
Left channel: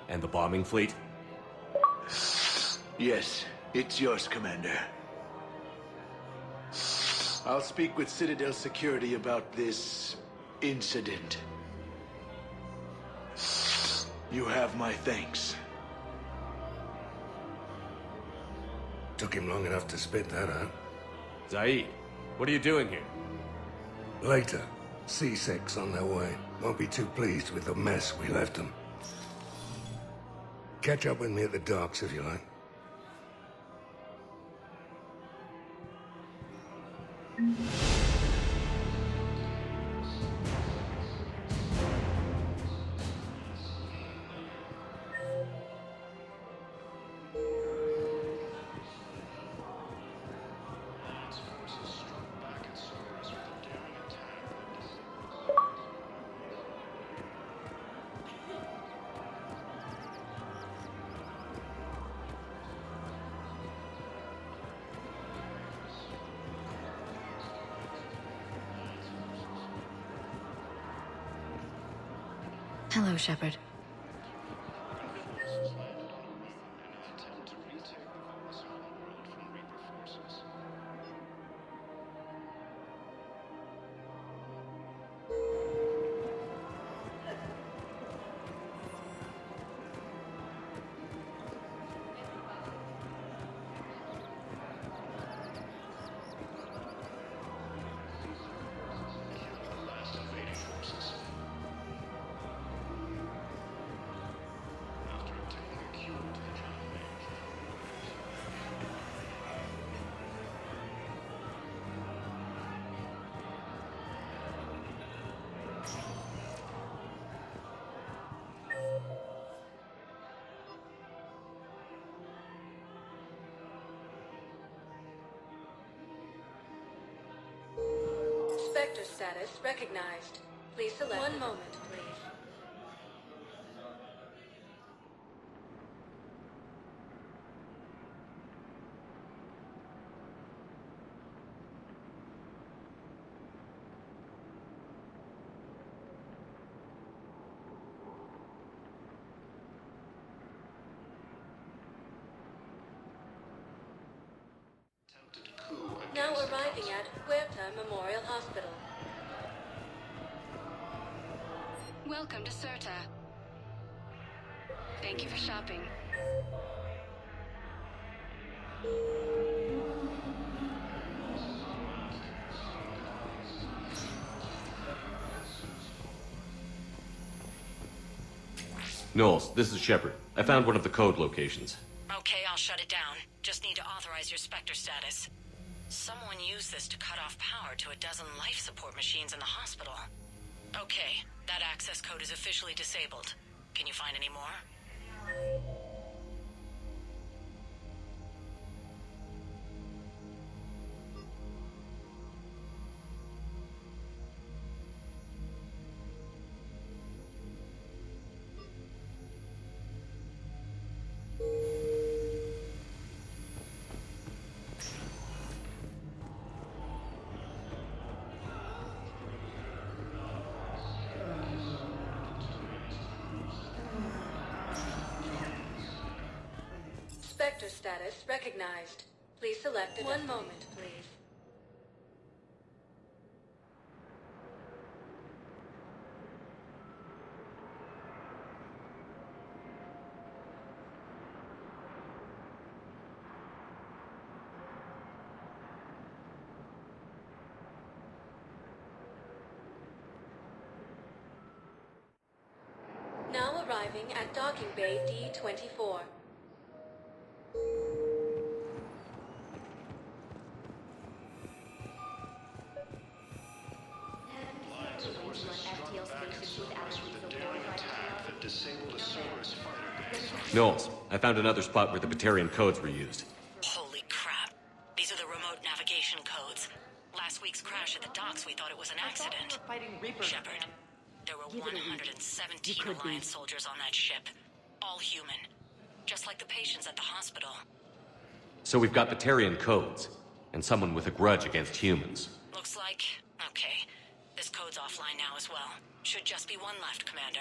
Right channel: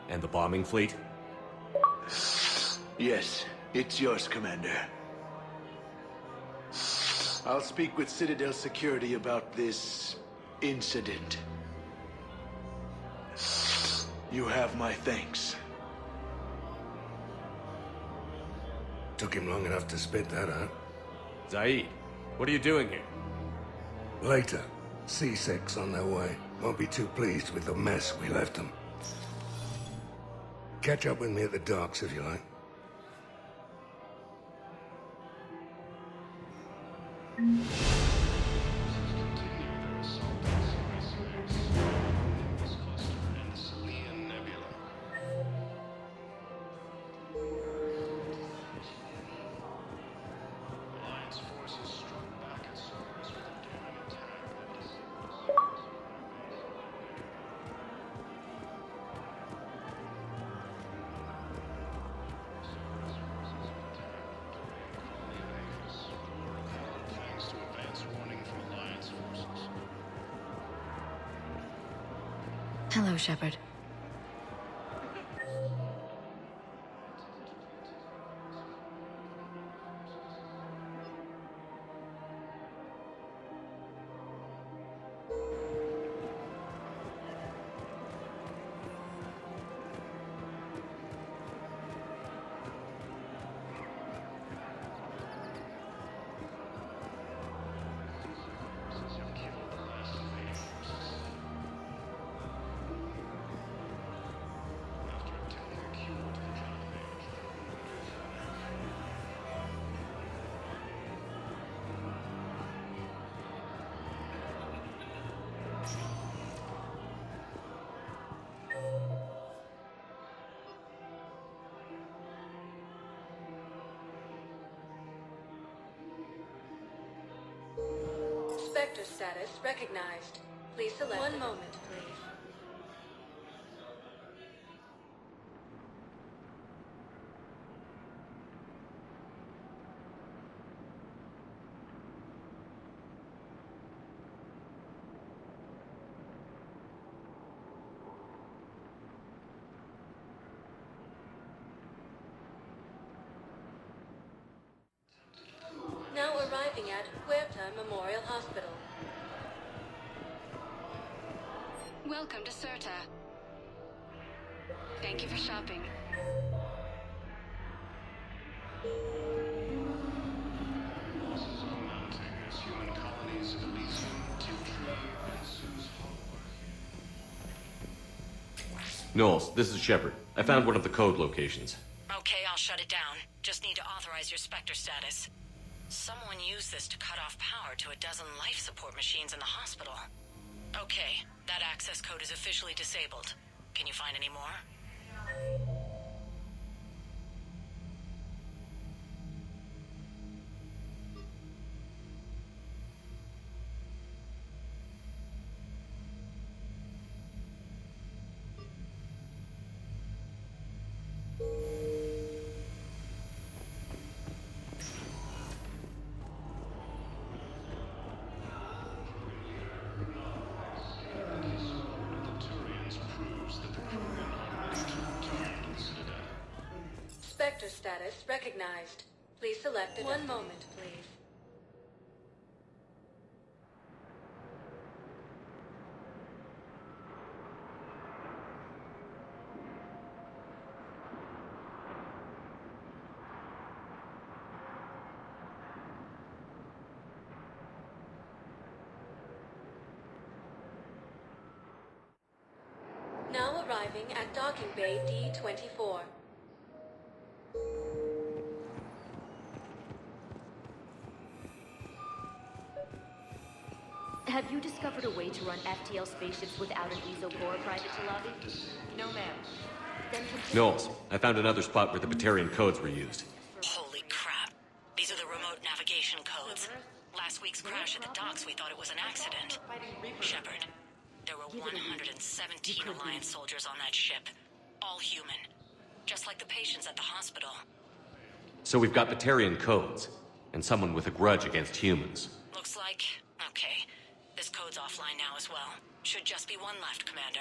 And the bombing fleet? Yes, it's yours, Commander. I'll speak with Citadel security about this incident. You have my thanks. Took him long enough to spit that out. Zaid, what are you doing here? Later. C-Sec's on their way. Won't be too pleased with the mess we left them. Catch up with me at the docks if you like. Hello, Shepard. Spectre status recognized. Please select. One moment, please. Now arriving at Huerta Memorial Hospital. Welcome to Certa. Thank you for shopping. Losses are mounting as human colonies of Elysium, Knowles, this is Shepard. I found one of the code locations. Okay, I'll shut it down. Just need to authorize your Spectre status. Someone used this to cut off power to a dozen life support machines in the hospital. Okay, that access code is officially disabled. Can you find any more? Spectre status recognized. Please select it. One moment, please. Now arriving at docking bay D-24. Have you discovered a way to run FTL spaces without with a daring attack that disabled a Cerberus fighter. Knowles, I found another spot where the Batarian codes were used. Holy crap. These are the remote navigation codes. Last week's crash at the docks, we thought it was an accident. Shepard, there were 117 Alliance soldiers on that ship. All human. Just like the patients at the hospital. So we've got Batarian codes, and someone with a grudge against humans. Looks like... okay. This code's offline now as well. Should just be one left, Commander.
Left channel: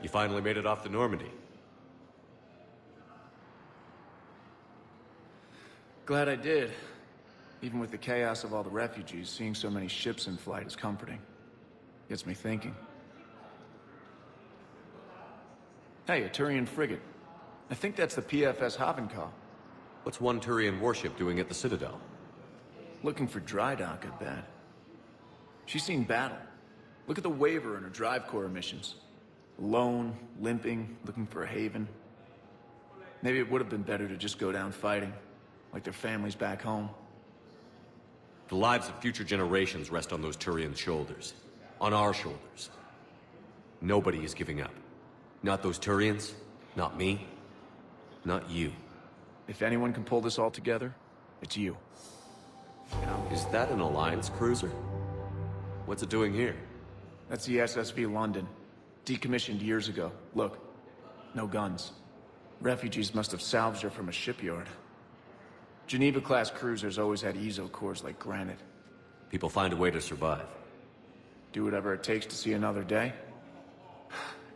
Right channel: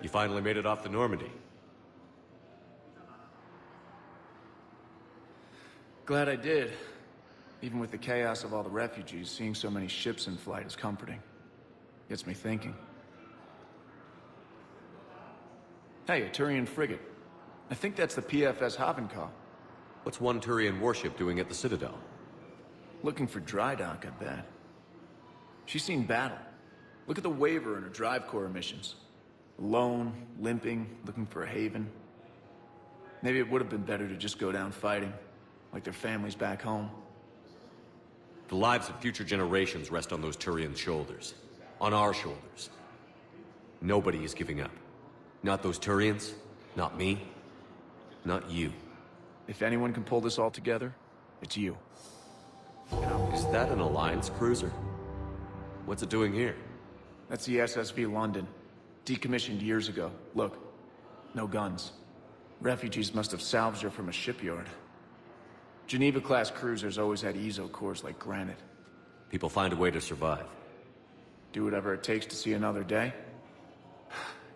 You finally made it off the Normandy. Glad I did. Even with the chaos of all the refugees, seeing so many ships in flight is comforting. Gets me thinking. Hey, a Turian frigate. I think that's the PFS Havenkaw. What's one Turian warship doing at the Citadel? Looking for dry dock, I bet. She's seen battle. Look at the waiver in her drive core emissions. Alone, limping, looking for a haven. Maybe it would have been better to just go down fighting, like their families back home. The lives of future generations rest on those Turians' shoulders. On our shoulders. Nobody is giving up. Not those Turians, not me, not you. If anyone can pull this all together, it's you. Is that an Alliance cruiser? What's it doing here? That's the SSV London. Decommissioned years ago. Look, no guns. Refugees must have salvaged her from a shipyard. Geneva-class cruisers always had ezo cores like granite. People find a way to survive. Do whatever it takes to see another day.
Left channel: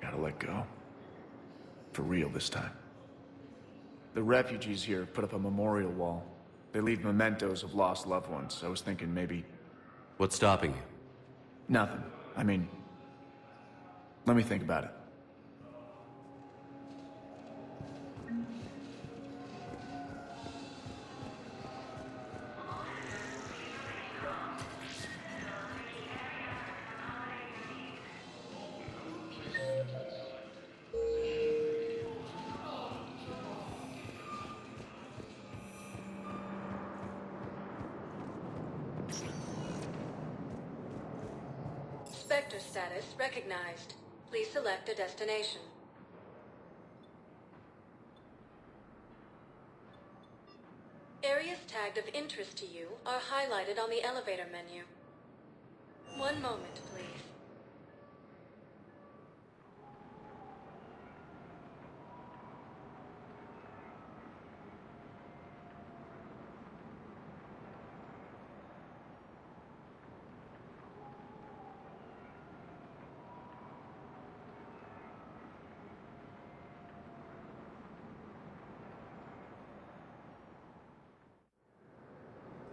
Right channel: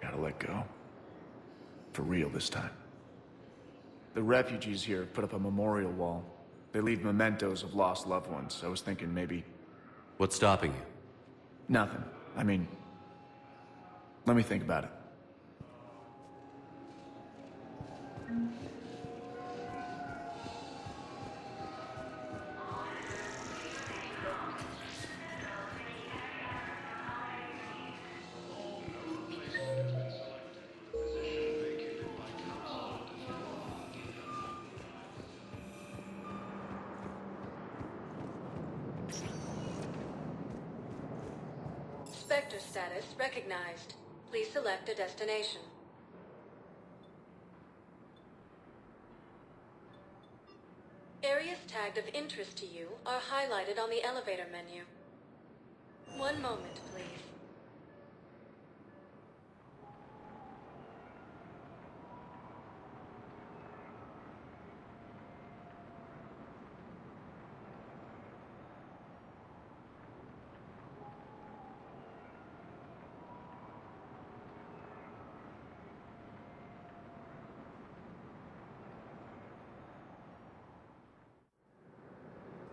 Gotta let go. For real this time. The refugees here put up a memorial wall. They leave mementos of lost loved ones. I was thinking maybe... What's stopping you? Nothing. I mean... let me think about it. Spectre status recognized. Please select a destination. Areas tagged of interest to you are highlighted on the elevator menu. One moment, please.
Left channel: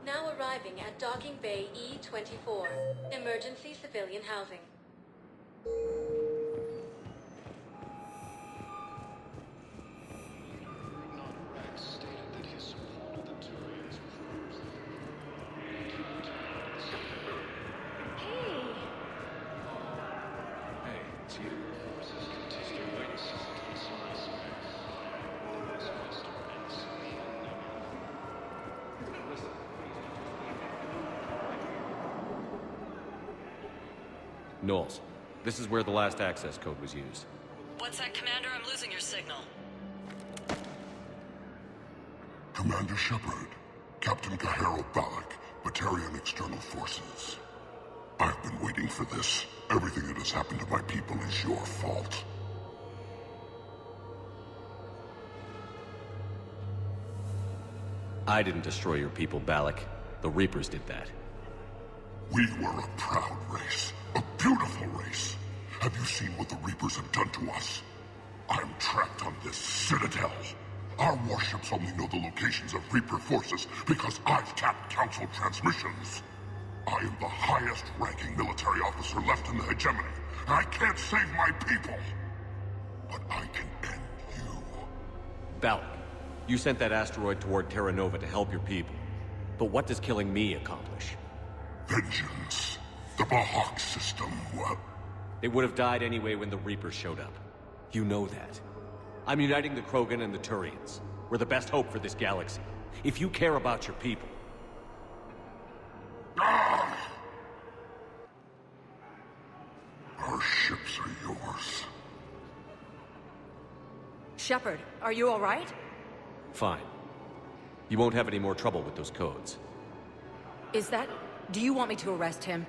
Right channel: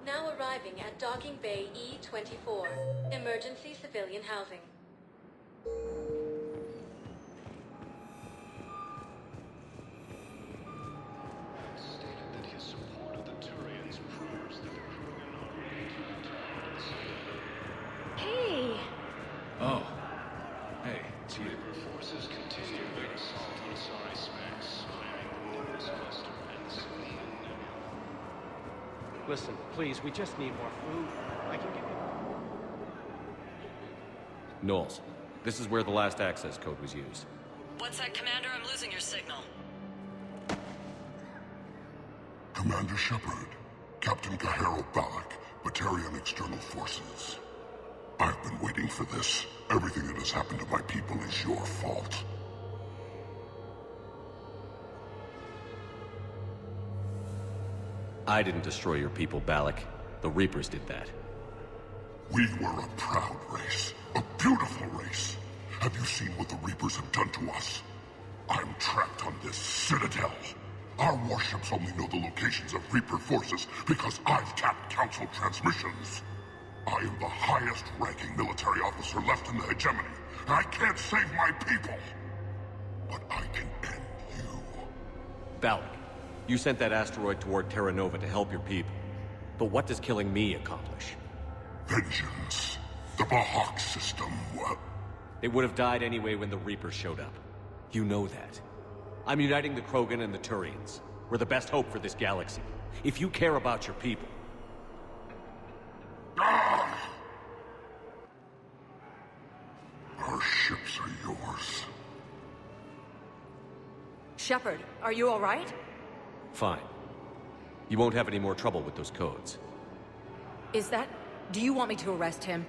Now arriving at Docking Bay E-24, Emergency Civilian Housing. Hey! Oh. The Reaper forces continue their assault on Asari space. Listen, please, we just need one. I can give you... Knowles, this is where the last access code was used. What's that, Commander? I'm losing your signal. Commander Shepard, Captain Kahero Balak, Batarian External Forces. I've been waiting for this. Everything that has happened to my people is your fault. I didn't destroy your people, Balak. The Reapers did that. We were a proud race. A beautiful race. Have you seen what the Reapers have done to us? I'm trapped on this Citadel. Our warships only know the locations of Reaper forces because I've tapped Council transmissions. I am the highest-ranking military officer left in the hegemony, and I can't save my people. But I can end you. Balak, you sent that asteroid toward Terra Nova to help your people. But what does killing me accomplish? Vengeance. The Bahak system, well... They would have died anyway when the Reapers showed up. You know that. I'm uniting the Krogan and the Turians. We're the best hope for this galaxy. If you care about your people... Ah! Our ships are yours. Shepard, are you all right? Fine. You won't have any more trouble with those codes. Is that... Do you want me to arrest him?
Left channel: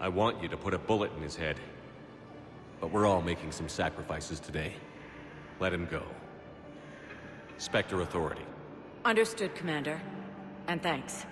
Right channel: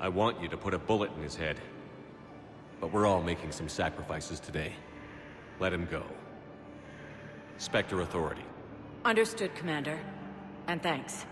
I want you to put a bullet in his head. But we're all making some sacrifices today. Let him go. Spectre Authority. Understood, Commander. And thanks.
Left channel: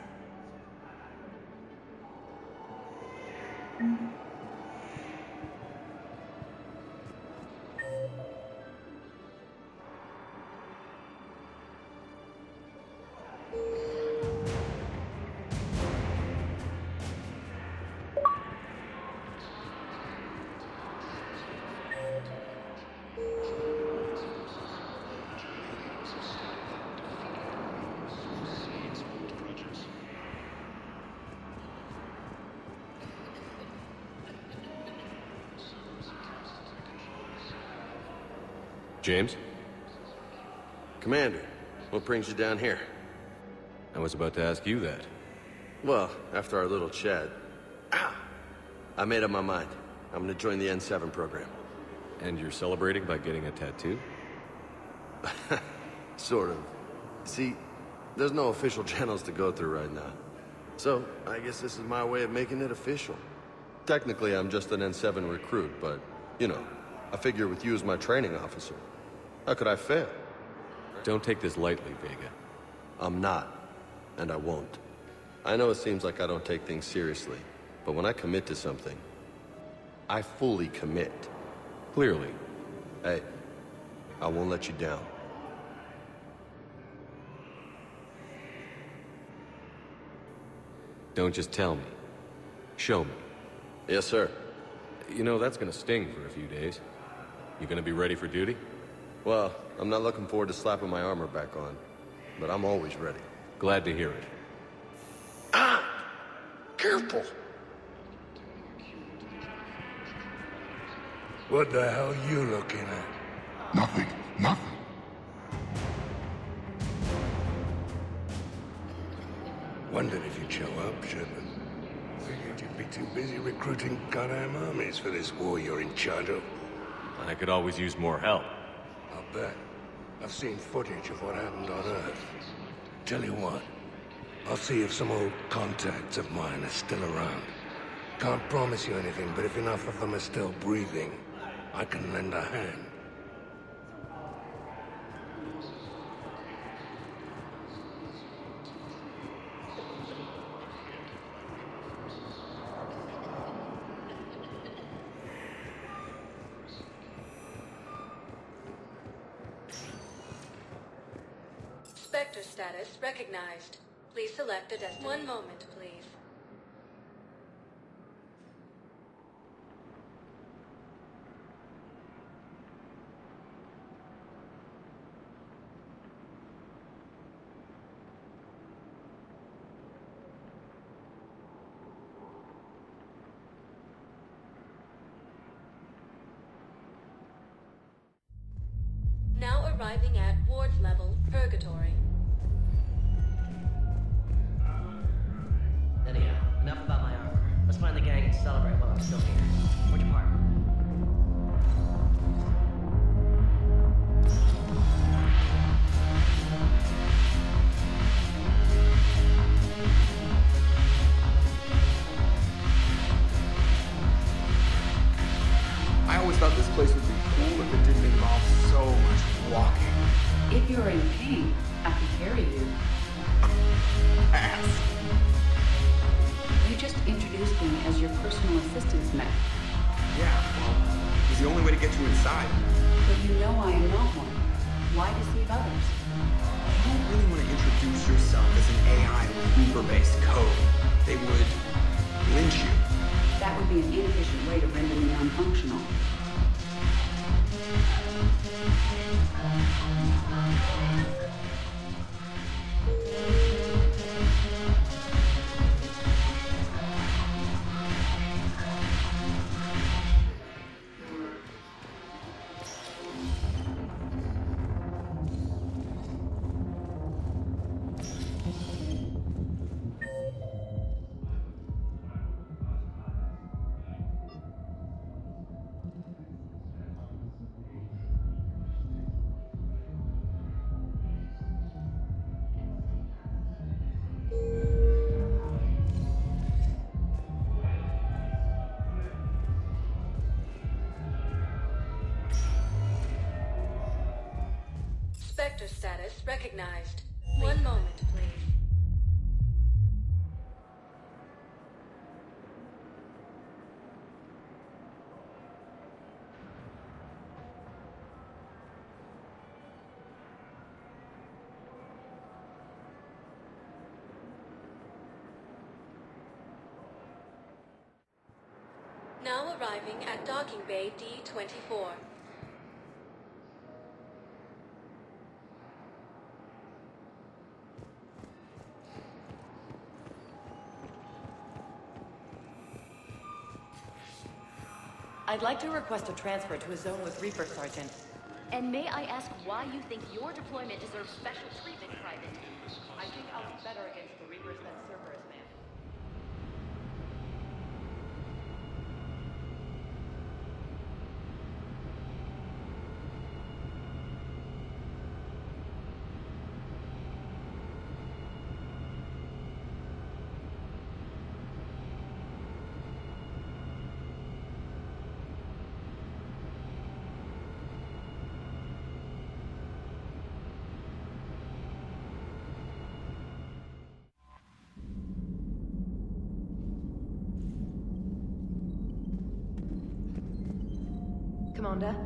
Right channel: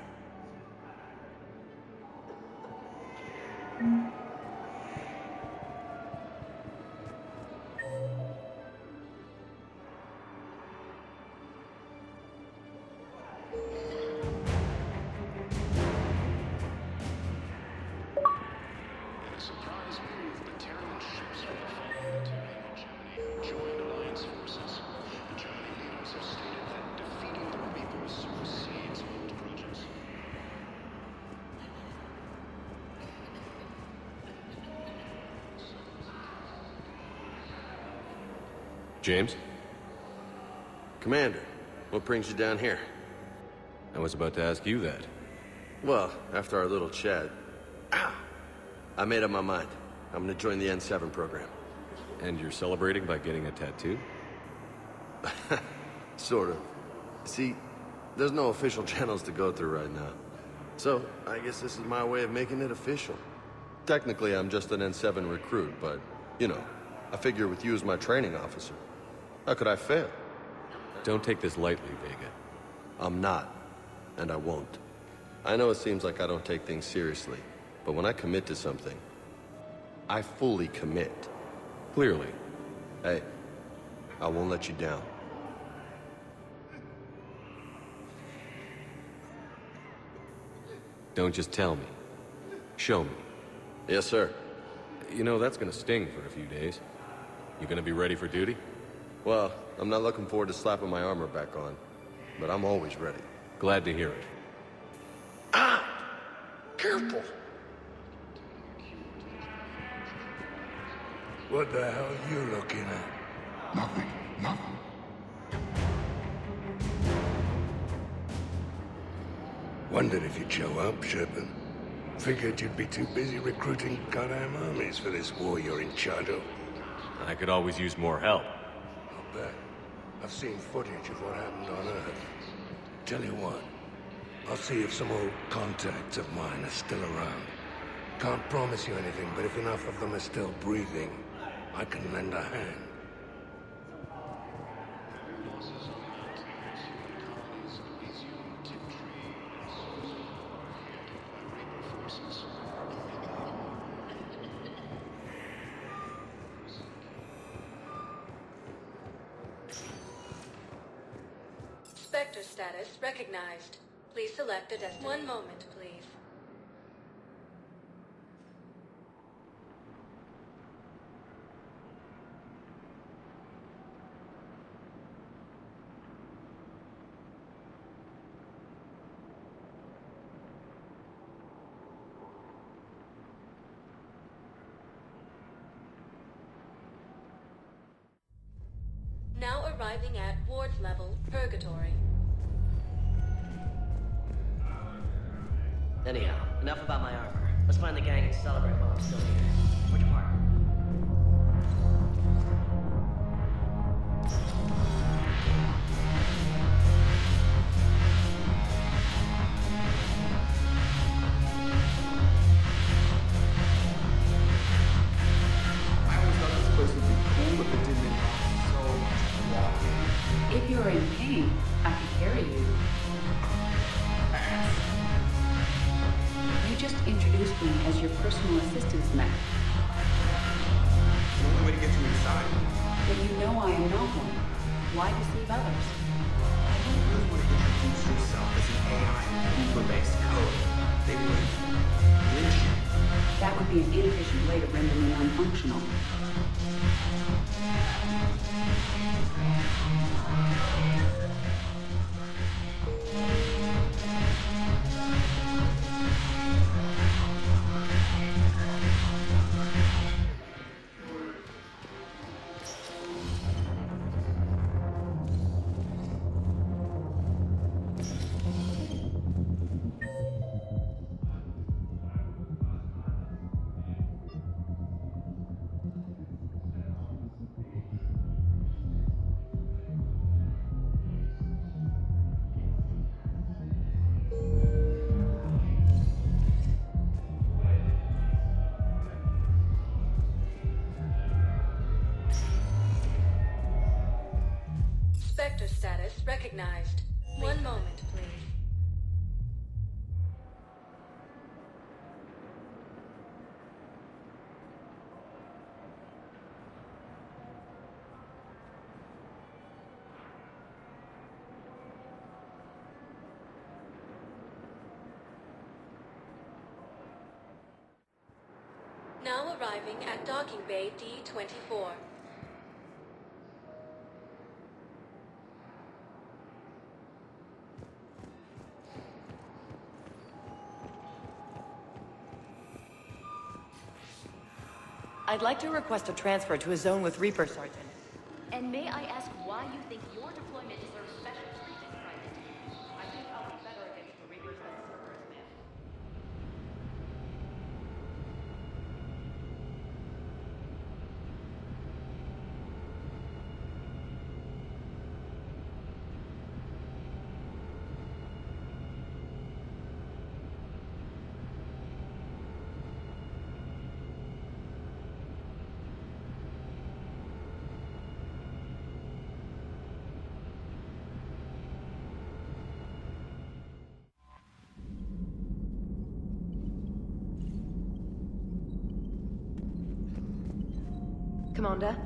James? Commander, what brings you down here? I was about to ask you that. Well, after our little chat... I made up my mind. I'm gonna join the N7 program. And you're celebrating by getting a tattoo? Sort of. See, there's no official channels to go through right now. So, I guess this is my way of making it official. Technically, I'm just an N7 recruit, but, you know, I figure with you as my training officer, how could I fail? Don't take this lightly, Vega. I'm not, and I won't. I know it seems like I don't take things seriously, but when I commit to something, I fully commit. Clearly. Hey, I won't let you down. Don't just tell me. Show me. Yes, sir. You know, that's gonna sting for a few days. You gonna be ready for duty? Well, I'm not looking forward to slapping my armor back on, but I'm always ready. Glad to hear it. Ah! Careful! What the hell you looking at? Nothing. Nothing. Wondered if you'd show up, Shepard. Figured you'd be too busy. I could always use more help. I'll bet. I've seen footage of what happened on Earth. Tell you what, I'll see if some old contacts of mine are still around. Can't promise you anything, but if enough of them are still breathing, I can lend a hand. Spectre status recognized. Please select a destination. One moment, please. Now arriving at ward level, Purgatory. Anyhow, enough about that. Let's find the gang's accelerator. I always thought this place would be cool if it didn't involve so much walking. If you're in pain, I could carry you. Pass. You just introduced me as your personal assistance mech. Yeah, well, it's the only way to get you inside. But you know I am not one. Why deceive others? You don't really want to introduce yourself as an AI with Reaper-based code. They would lynch you. That would be an inefficient way to render me non-functional. Spectre status recognized. One moment, please. Now arriving at Docking Bay D-24. I'd like to request a transfer to a zone with Reapers. Commander?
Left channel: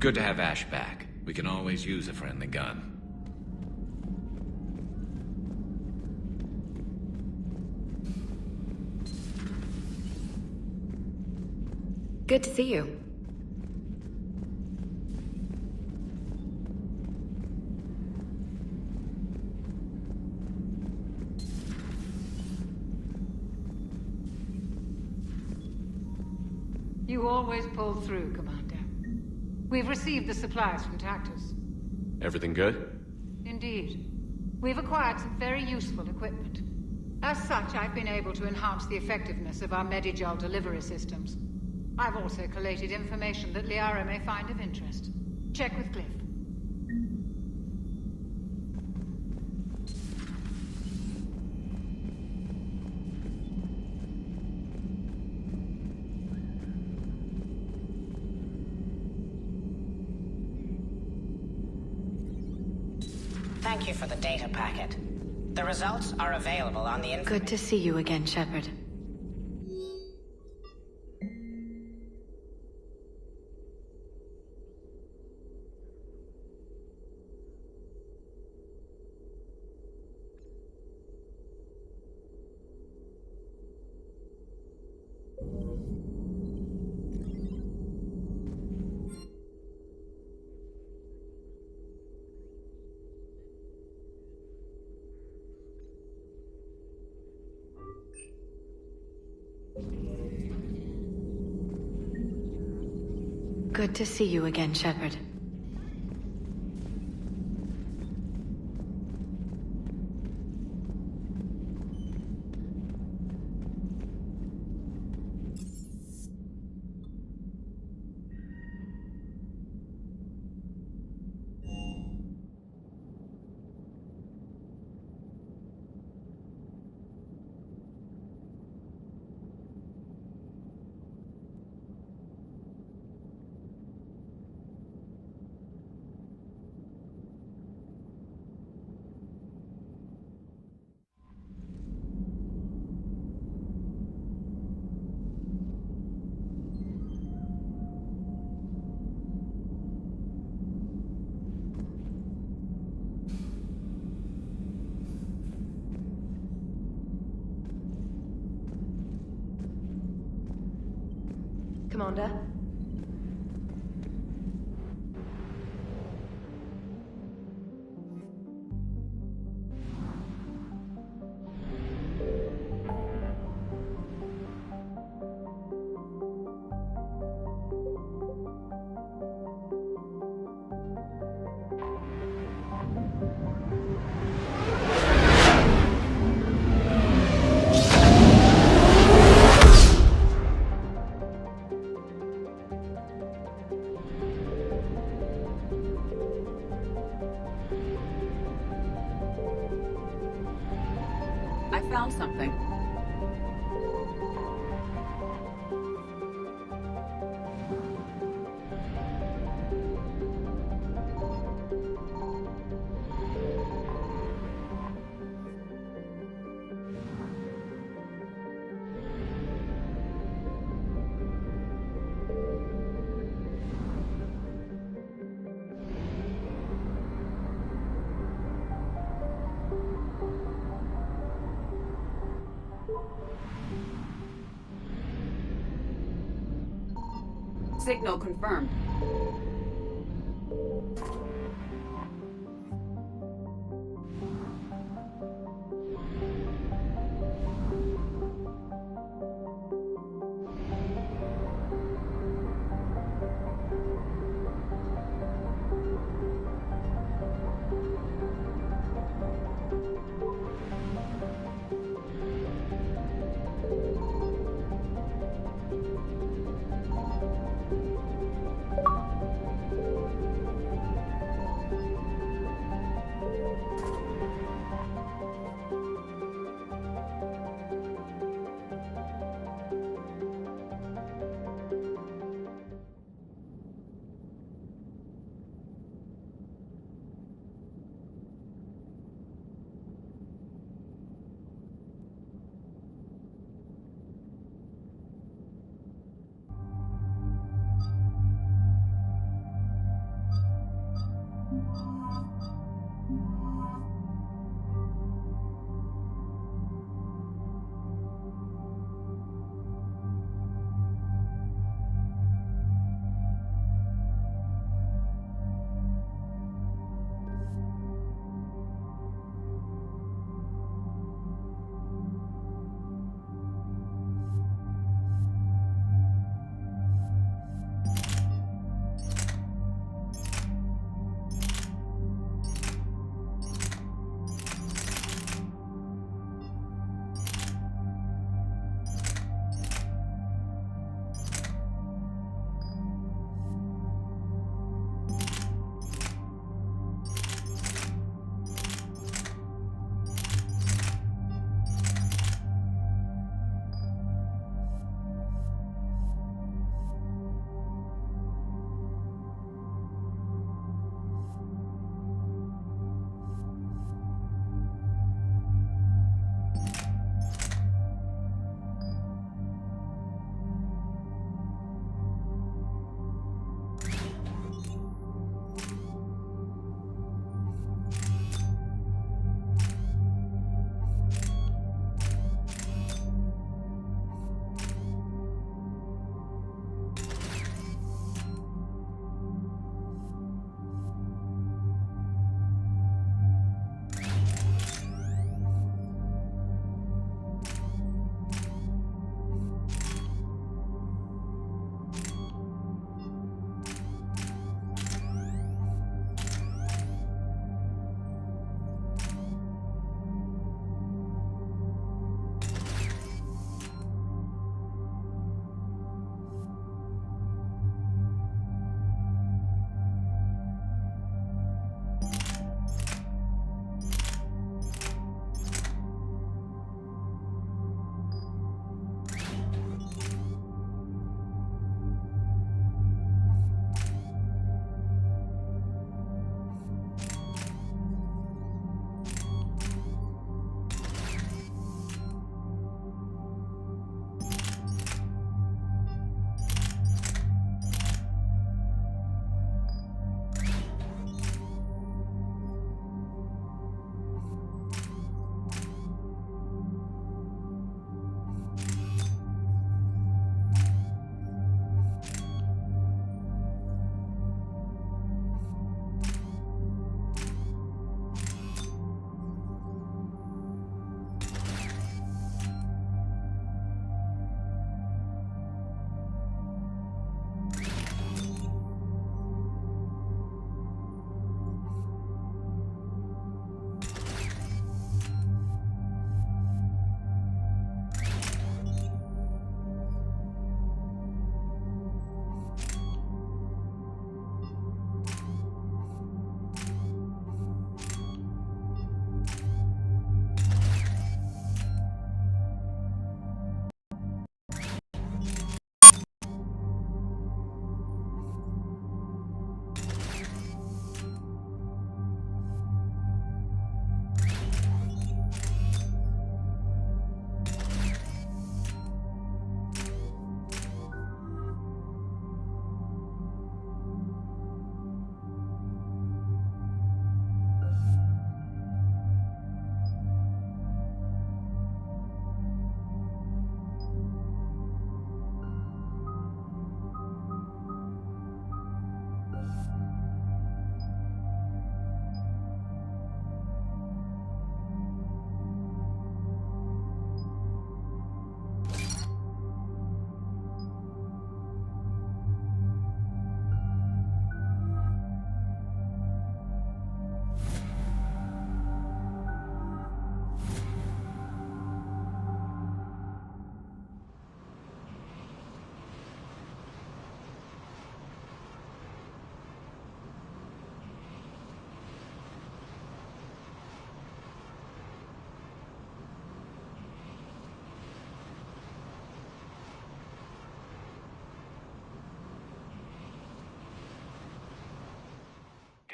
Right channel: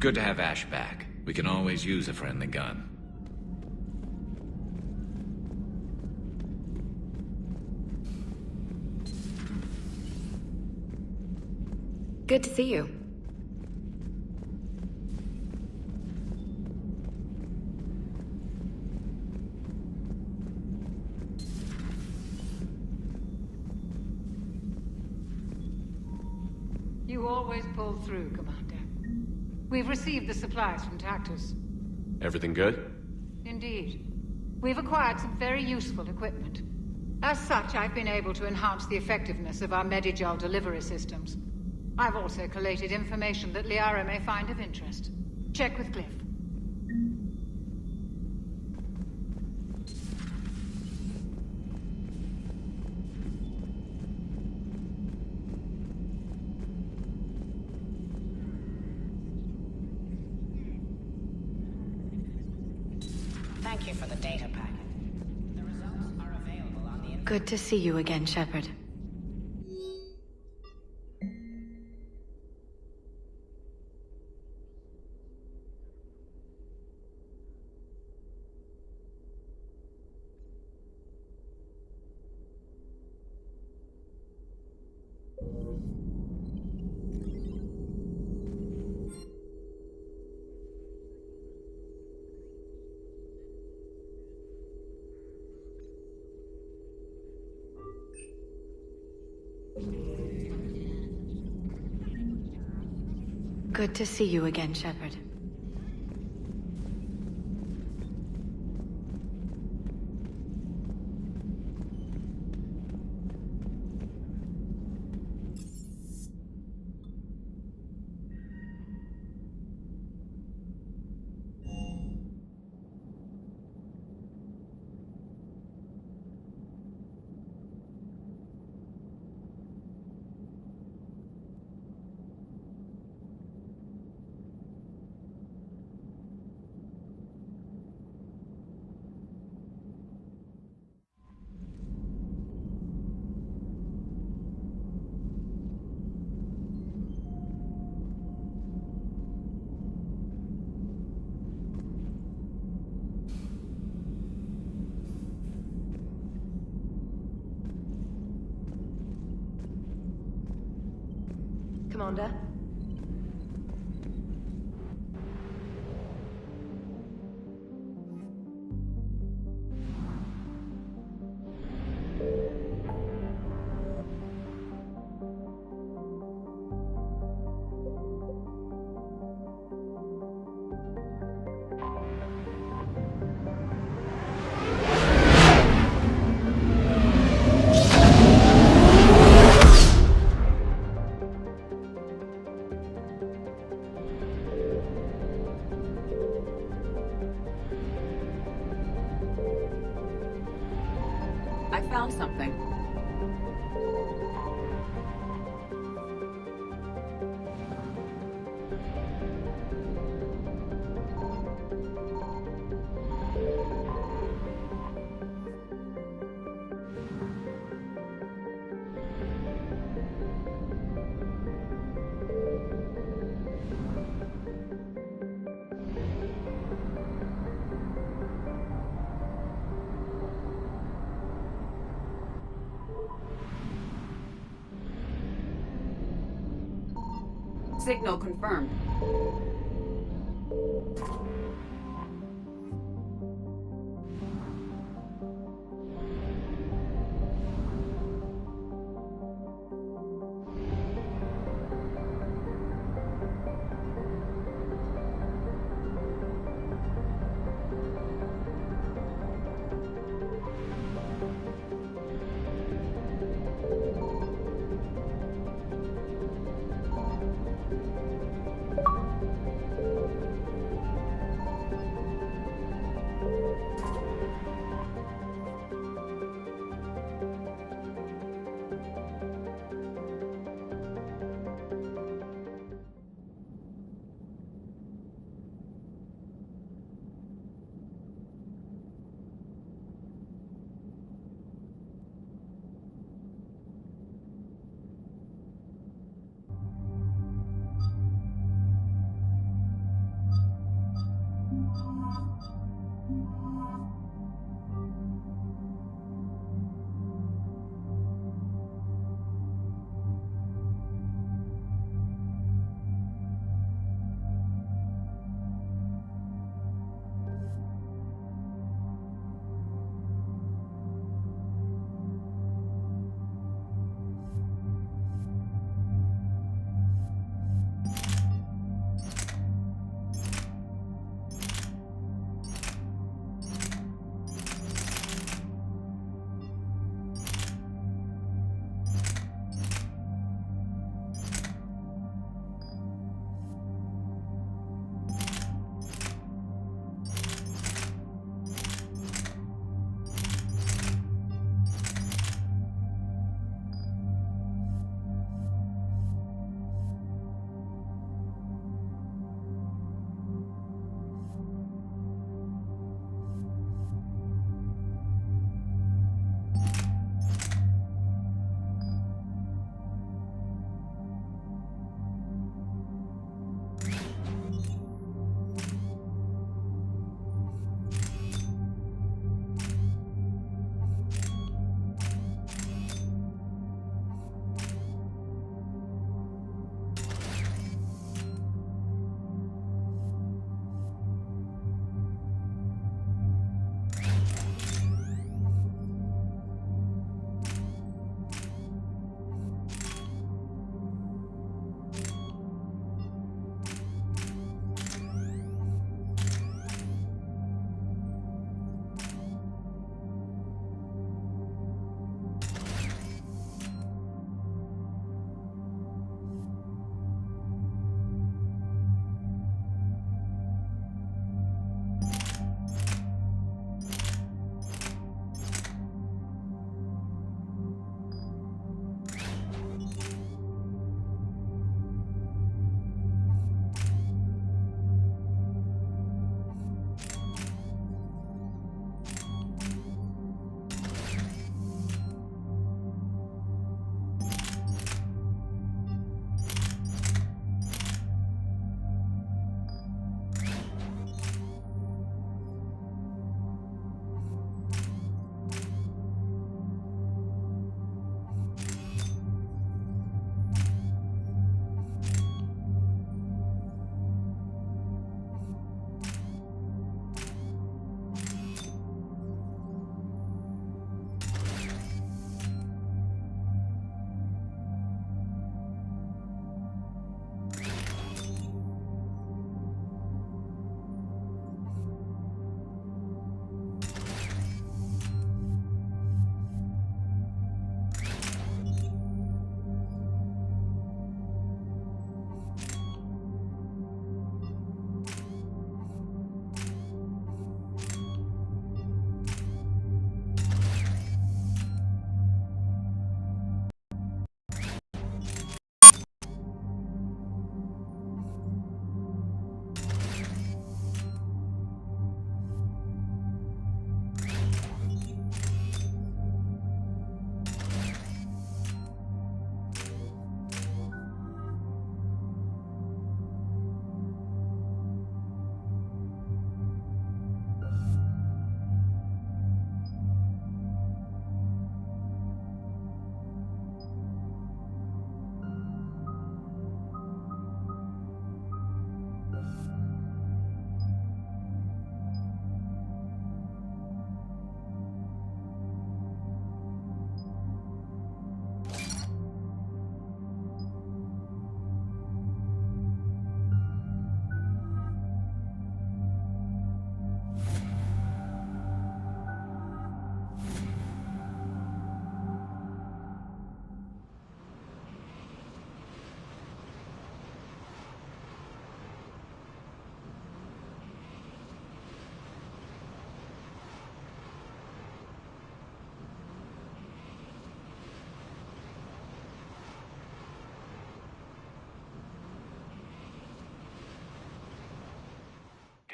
Good to have Ash back. We can always use a friendly gun. Good to see you. You always pull through, Commander. We've received the supplies from Tactus. Everything good? Indeed. We've acquired some very useful equipment. As such, I've been able to enhance the effectiveness of our Medigel delivery systems. I've also collated information that Liara may find of interest. Check with Cliff. Thank you for the data packet. The results are available on the... Good to see you again, Shepard. Good to see you again, Shepard. Commander? I found something. Signal confirmed.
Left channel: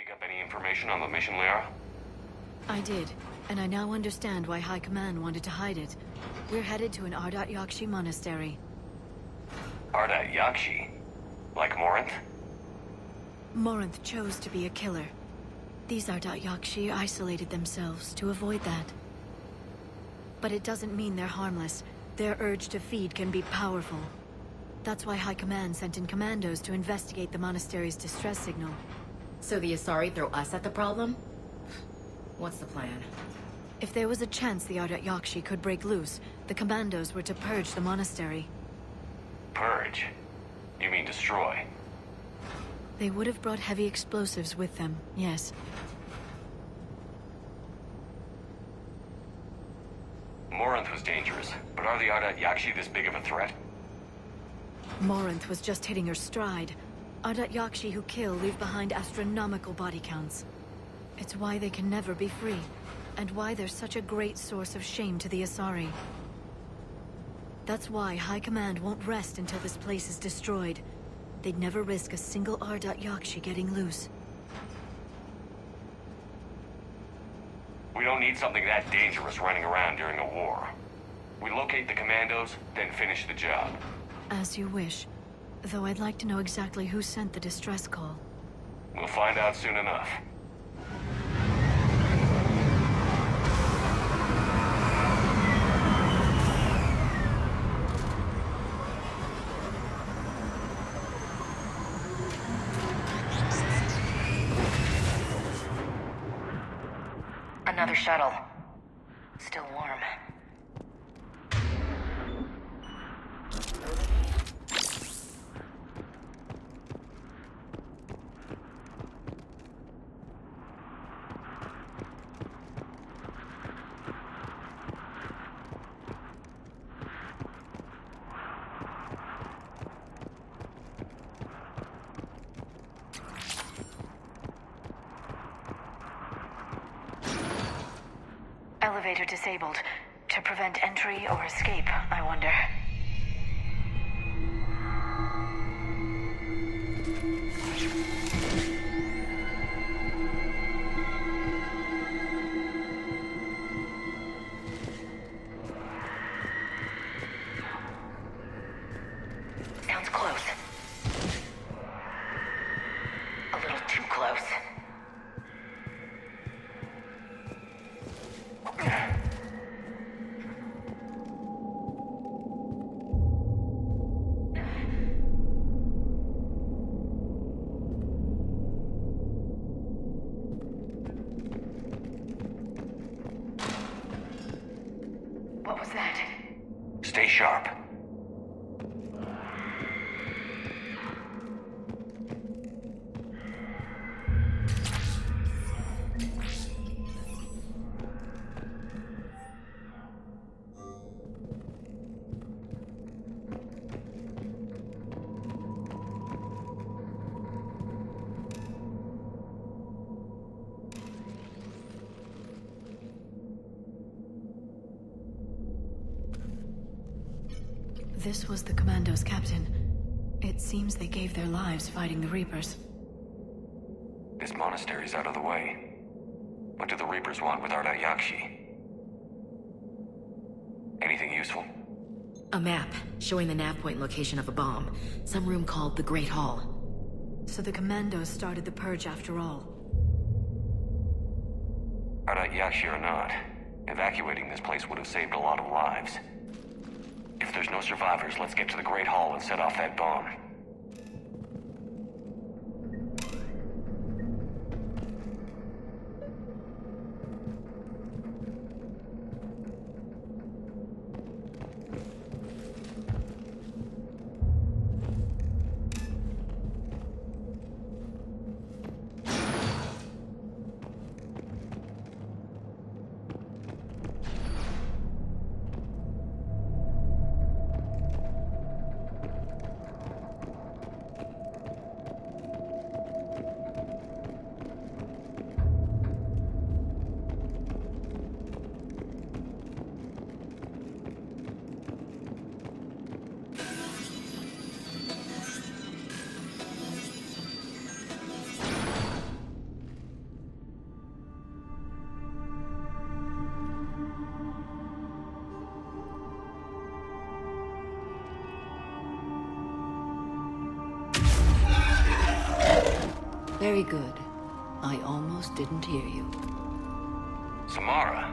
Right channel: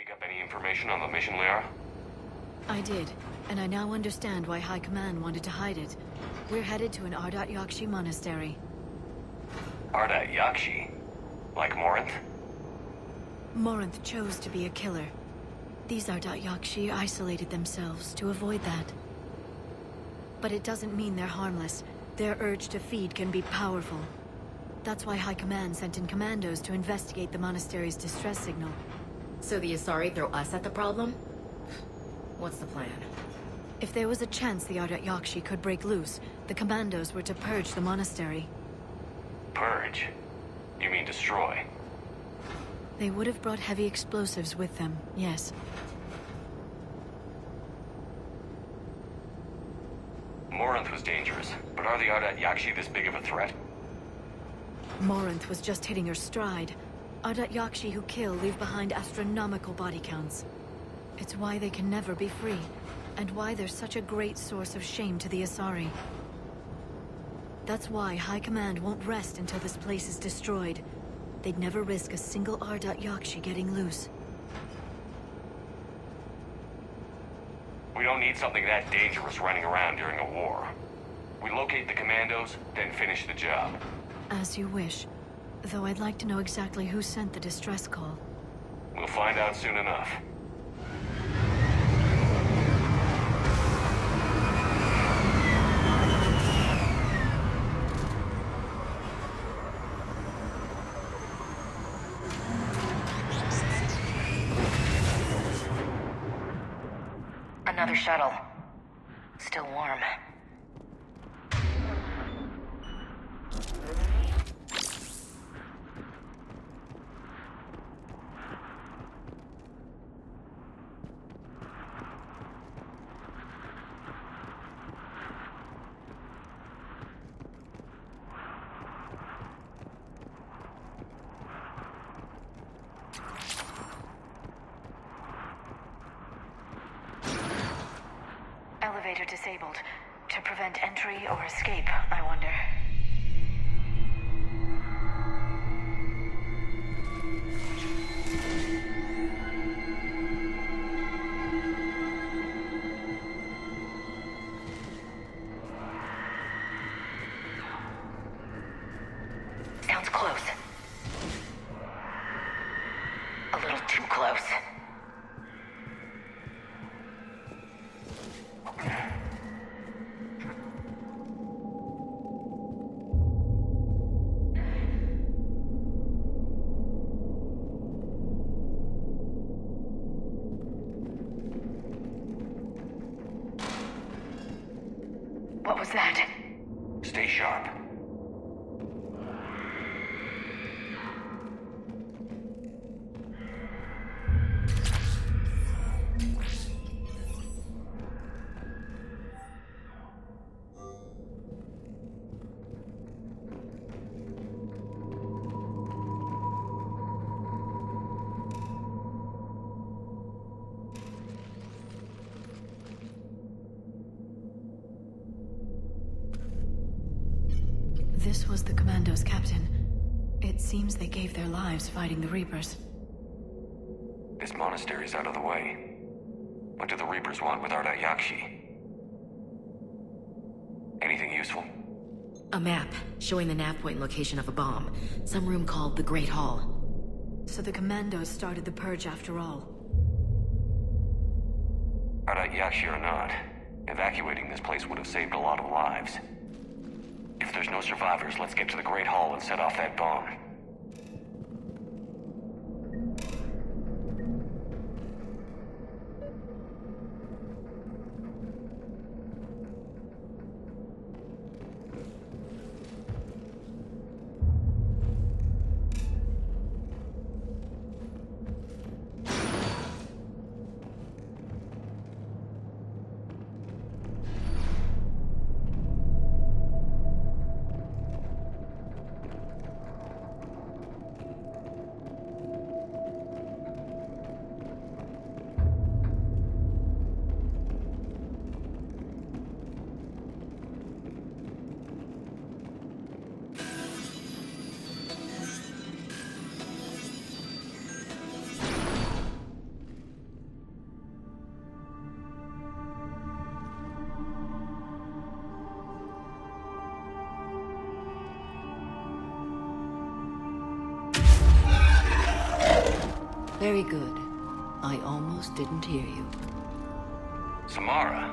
dig up any information on the mission, Liara? I did, and I now understand why High Command wanted to hide it. We're headed to an Ardat-Yakshi Monastery. Ardat-Yakshi? Like Morinth? Morinth chose to be a killer. These Ardat-Yakshi isolated themselves to avoid that. But it doesn't mean they're harmless. Their urge to feed can be powerful. That's why High Command sent in commandos to investigate the monastery's distress signal. So the Asari throw us at the problem? What's the plan? If there was a chance the Ardat-Yakshi could break loose, the commandos were to purge the monastery. Purge? You mean destroy? They would have brought heavy explosives with them, yes. Morinth was dangerous, but are the Ardat-Yakshi this big of a threat? Morinth was just hitting her stride. Ardat-Yakshi who kill leave behind astronomical body counts. It's why they can never be free, and why they're such a great source of shame to the Asari. That's why High Command won't rest until this place is destroyed. They'd never risk a single Ardat-Yakshi getting loose. We don't need something that dangerous running around during a war. We locate the commandos, then finish the job. As you wish. Though I'd like to know exactly who sent the distress call. We'll find out soon enough. Another shuttle. Still warm. Elevator disabled. To prevent entry or escape, I wonder. Sounds close. A little too close. What was that? Stay sharp. This was the commando's captain. It seems they gave their lives fighting the Reapers. This monastery's out of the way. What do the Reapers want with Ardat-Yakshi? Anything useful? A map showing the nav point location of a bomb. Some room called the Great Hall. So the commandos started the purge after all. Ardat-Yakshi or not, evacuating this place would have saved a lot of lives. If there's no survivors, let's get to the Great Hall and set off that bomb. Very good. I almost didn't hear you. Samara.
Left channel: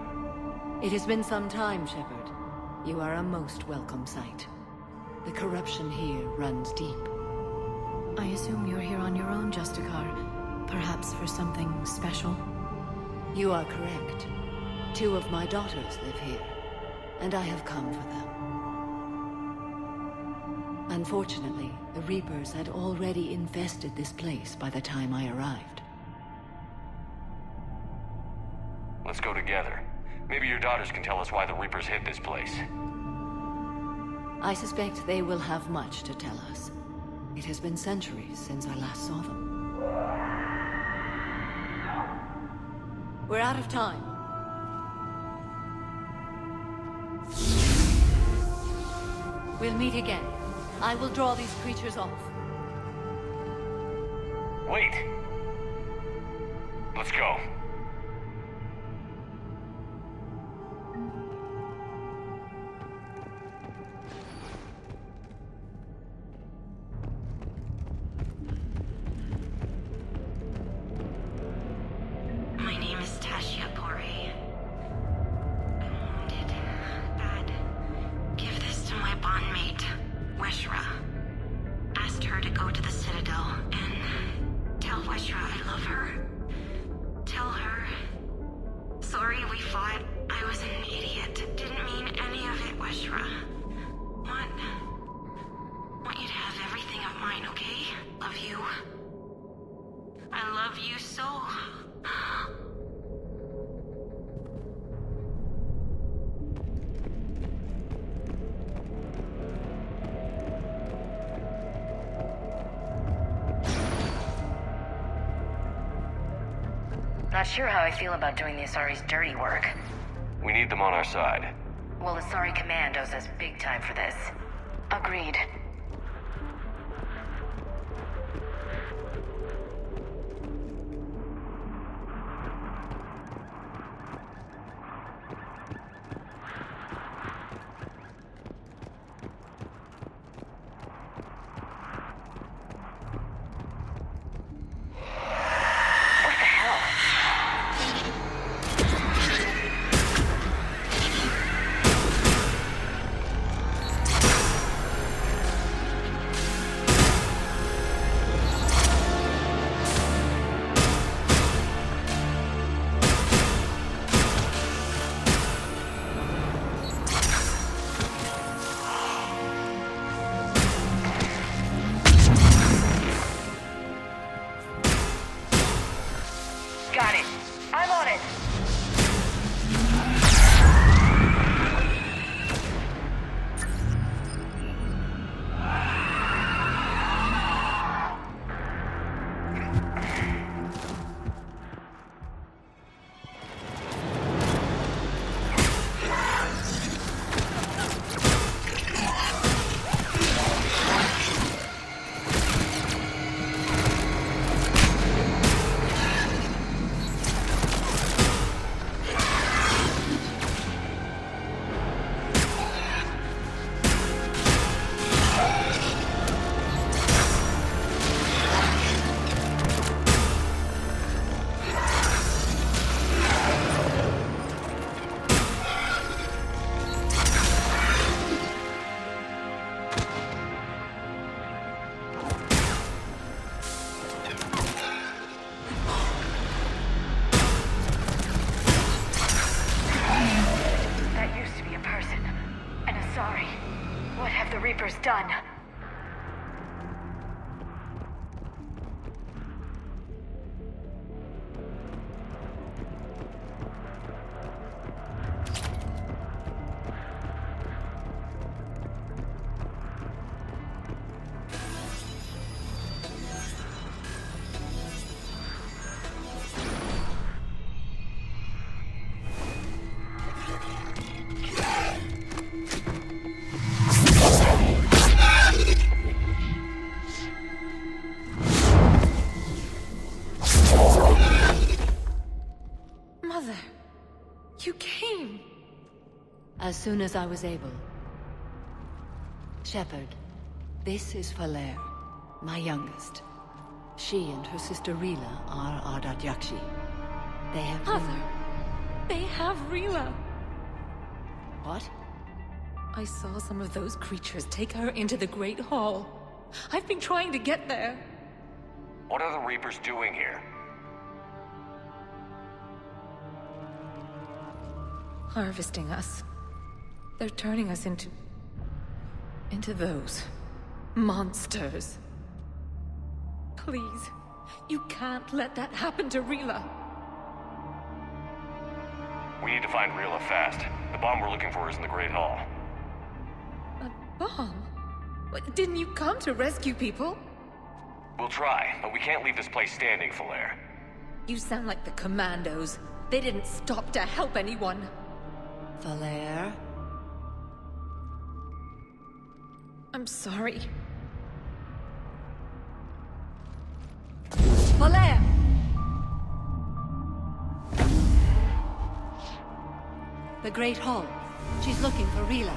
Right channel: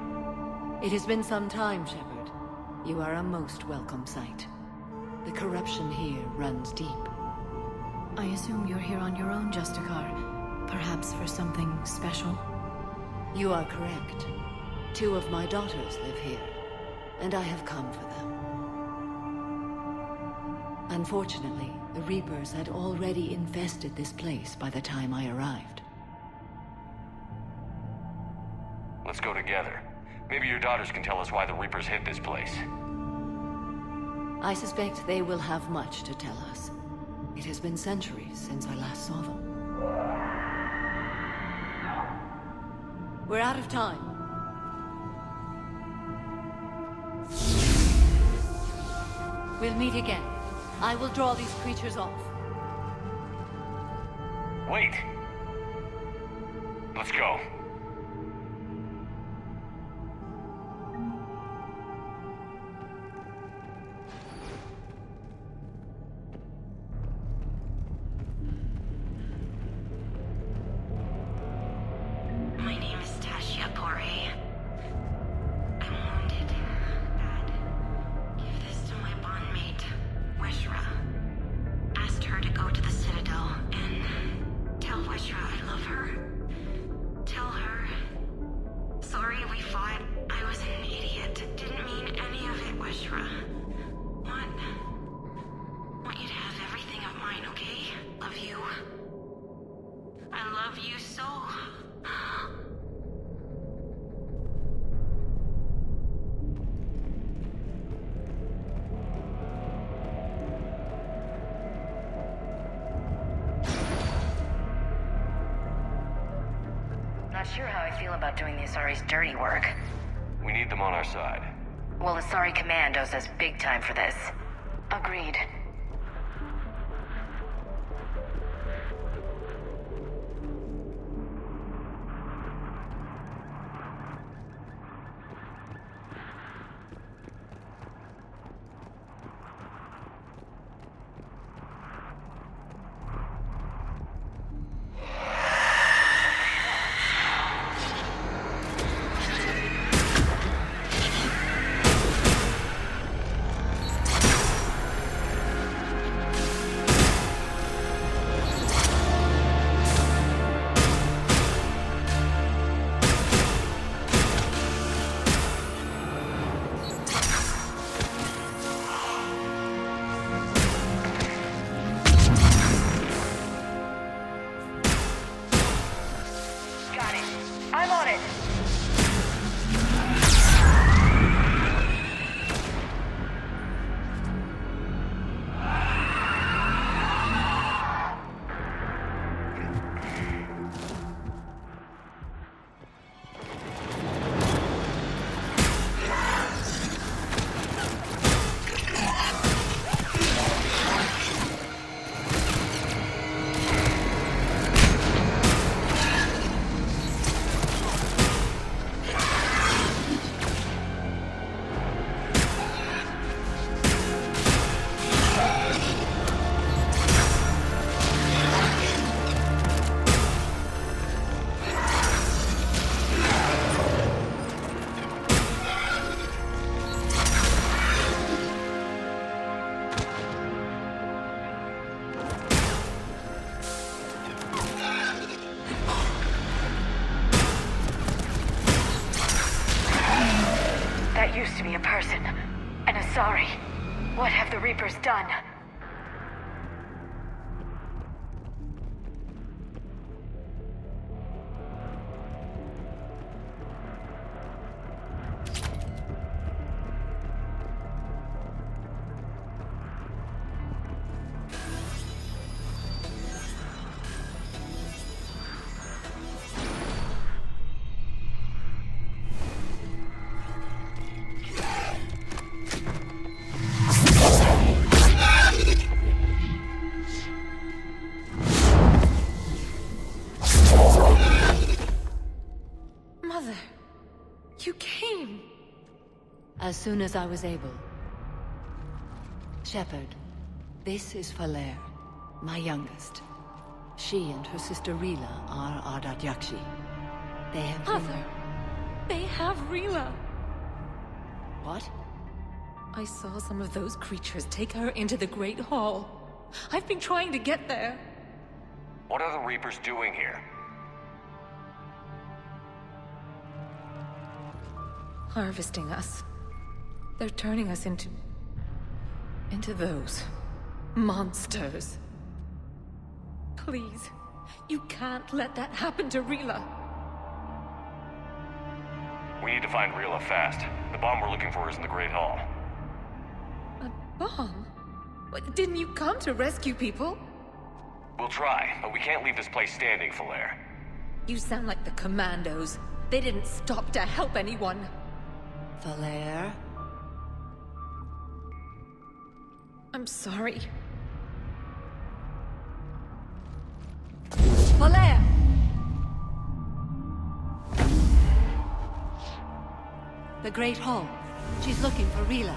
It has been some time, Shepard. You are a most welcome sight. The corruption here runs deep. I assume you're here on your own, Justicar. Perhaps for something special? You are correct. 2 of my daughters live here, and I have come for them. Unfortunately, the Reapers had already infested this place by the time I arrived. Let's go together. Maybe your daughters can tell us why the Reapers hit this place. I suspect they will have much to tell us. It has been centuries since I last saw them. We're out of time. We'll meet again. I will draw these creatures off. Wait! Let's go. My name is Tashia Pore. Give this to my bondmate, Weshra. Asked her to go to the Citadel and tell Weshra I love her. Tell her... Sorry we fought. I was an idiot. Didn't mean any of it, Weshra. Want you to have everything of mine, okay? Love you. I love you so... Not sure how I feel about doing the Asari's dirty work. We need them on our side. Well, Asari Command owes us big time for this. Agreed. Sorry. What have the Reapers done? Mother, you came. As soon as I was able. Shepard, this is Falere, my youngest. She and her sister Rila are Ardat-Yakshi. They have Mother, they have Rila. What? I saw some of those creatures take her into the Great Hall. I've been trying to get there. What are the Reapers doing here? Harvesting us. They're turning us into those monsters. Please, you can't let that happen to Rila. We need to find Rila fast. The bomb we're looking for is in the Great Hall. A bomb? What, didn't you come to rescue people? We'll try, but we can't leave this place standing, Falaire. You sound like the Commandos. They didn't stop to help anyone. Falaire? I'm sorry. Falaire! The Great Hall. She's looking for Rila.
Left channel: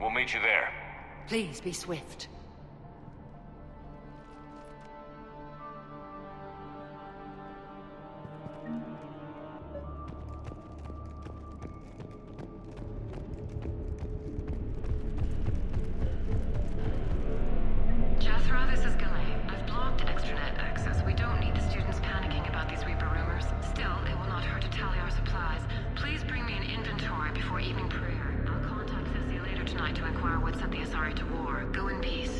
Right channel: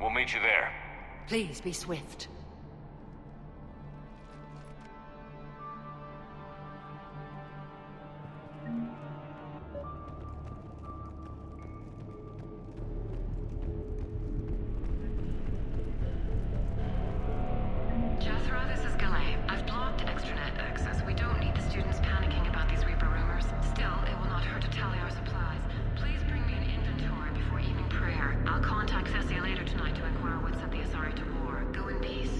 We'll meet you there. Please be swift. Jethro, this is Galay. I've blocked extranet access. We don't need the students panicking about these Reaper rumors. Still, it will not hurt to tally our supplies. Please bring me an inventory before evening prayer. I'll contact Thessia later tonight to inquire what set the Asari to war. Go in peace.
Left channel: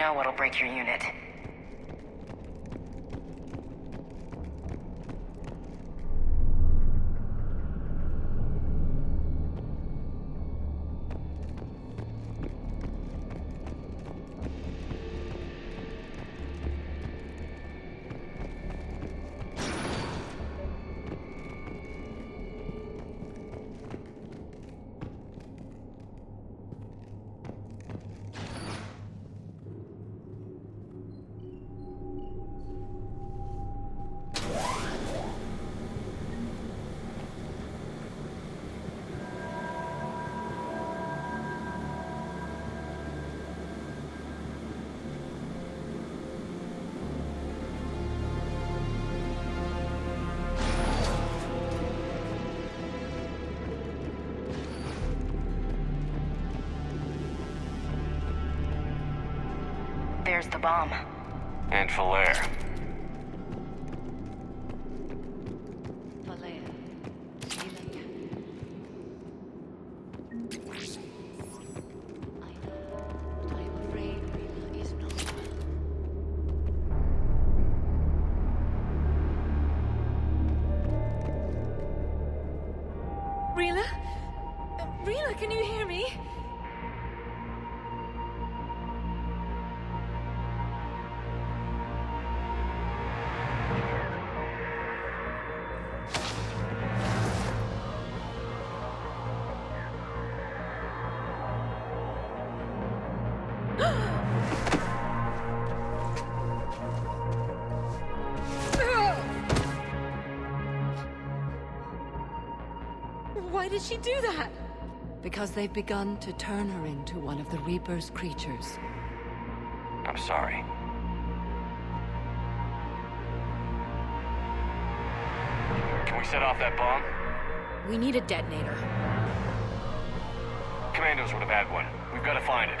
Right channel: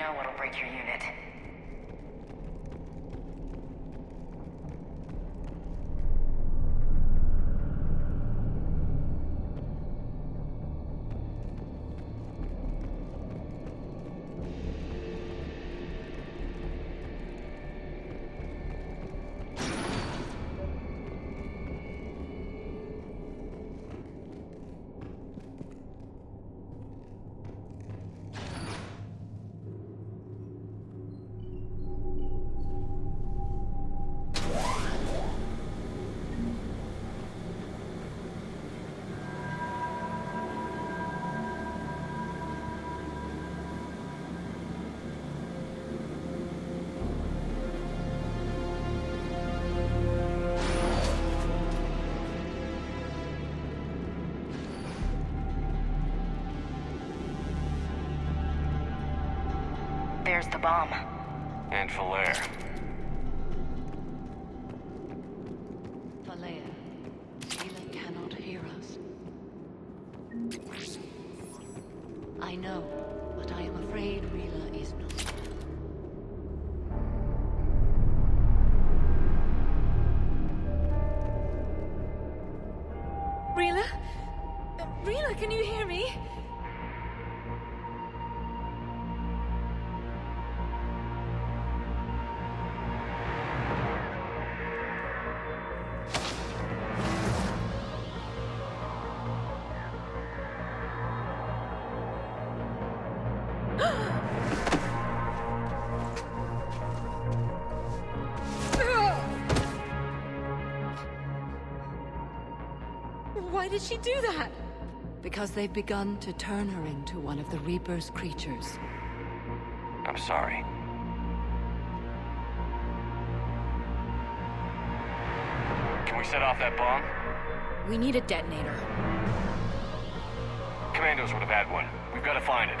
know what'll break your unit. And Falaire. Falaire, Mila cannot hear us. I know, but I am afraid. Rila? Rila, can you hear me? Why did she do that? Because they've begun to turn her into one of the Reaper's creatures. I'm sorry. Can we set off that bomb? We need a detonator. Commandos would have had one. We've got to find it.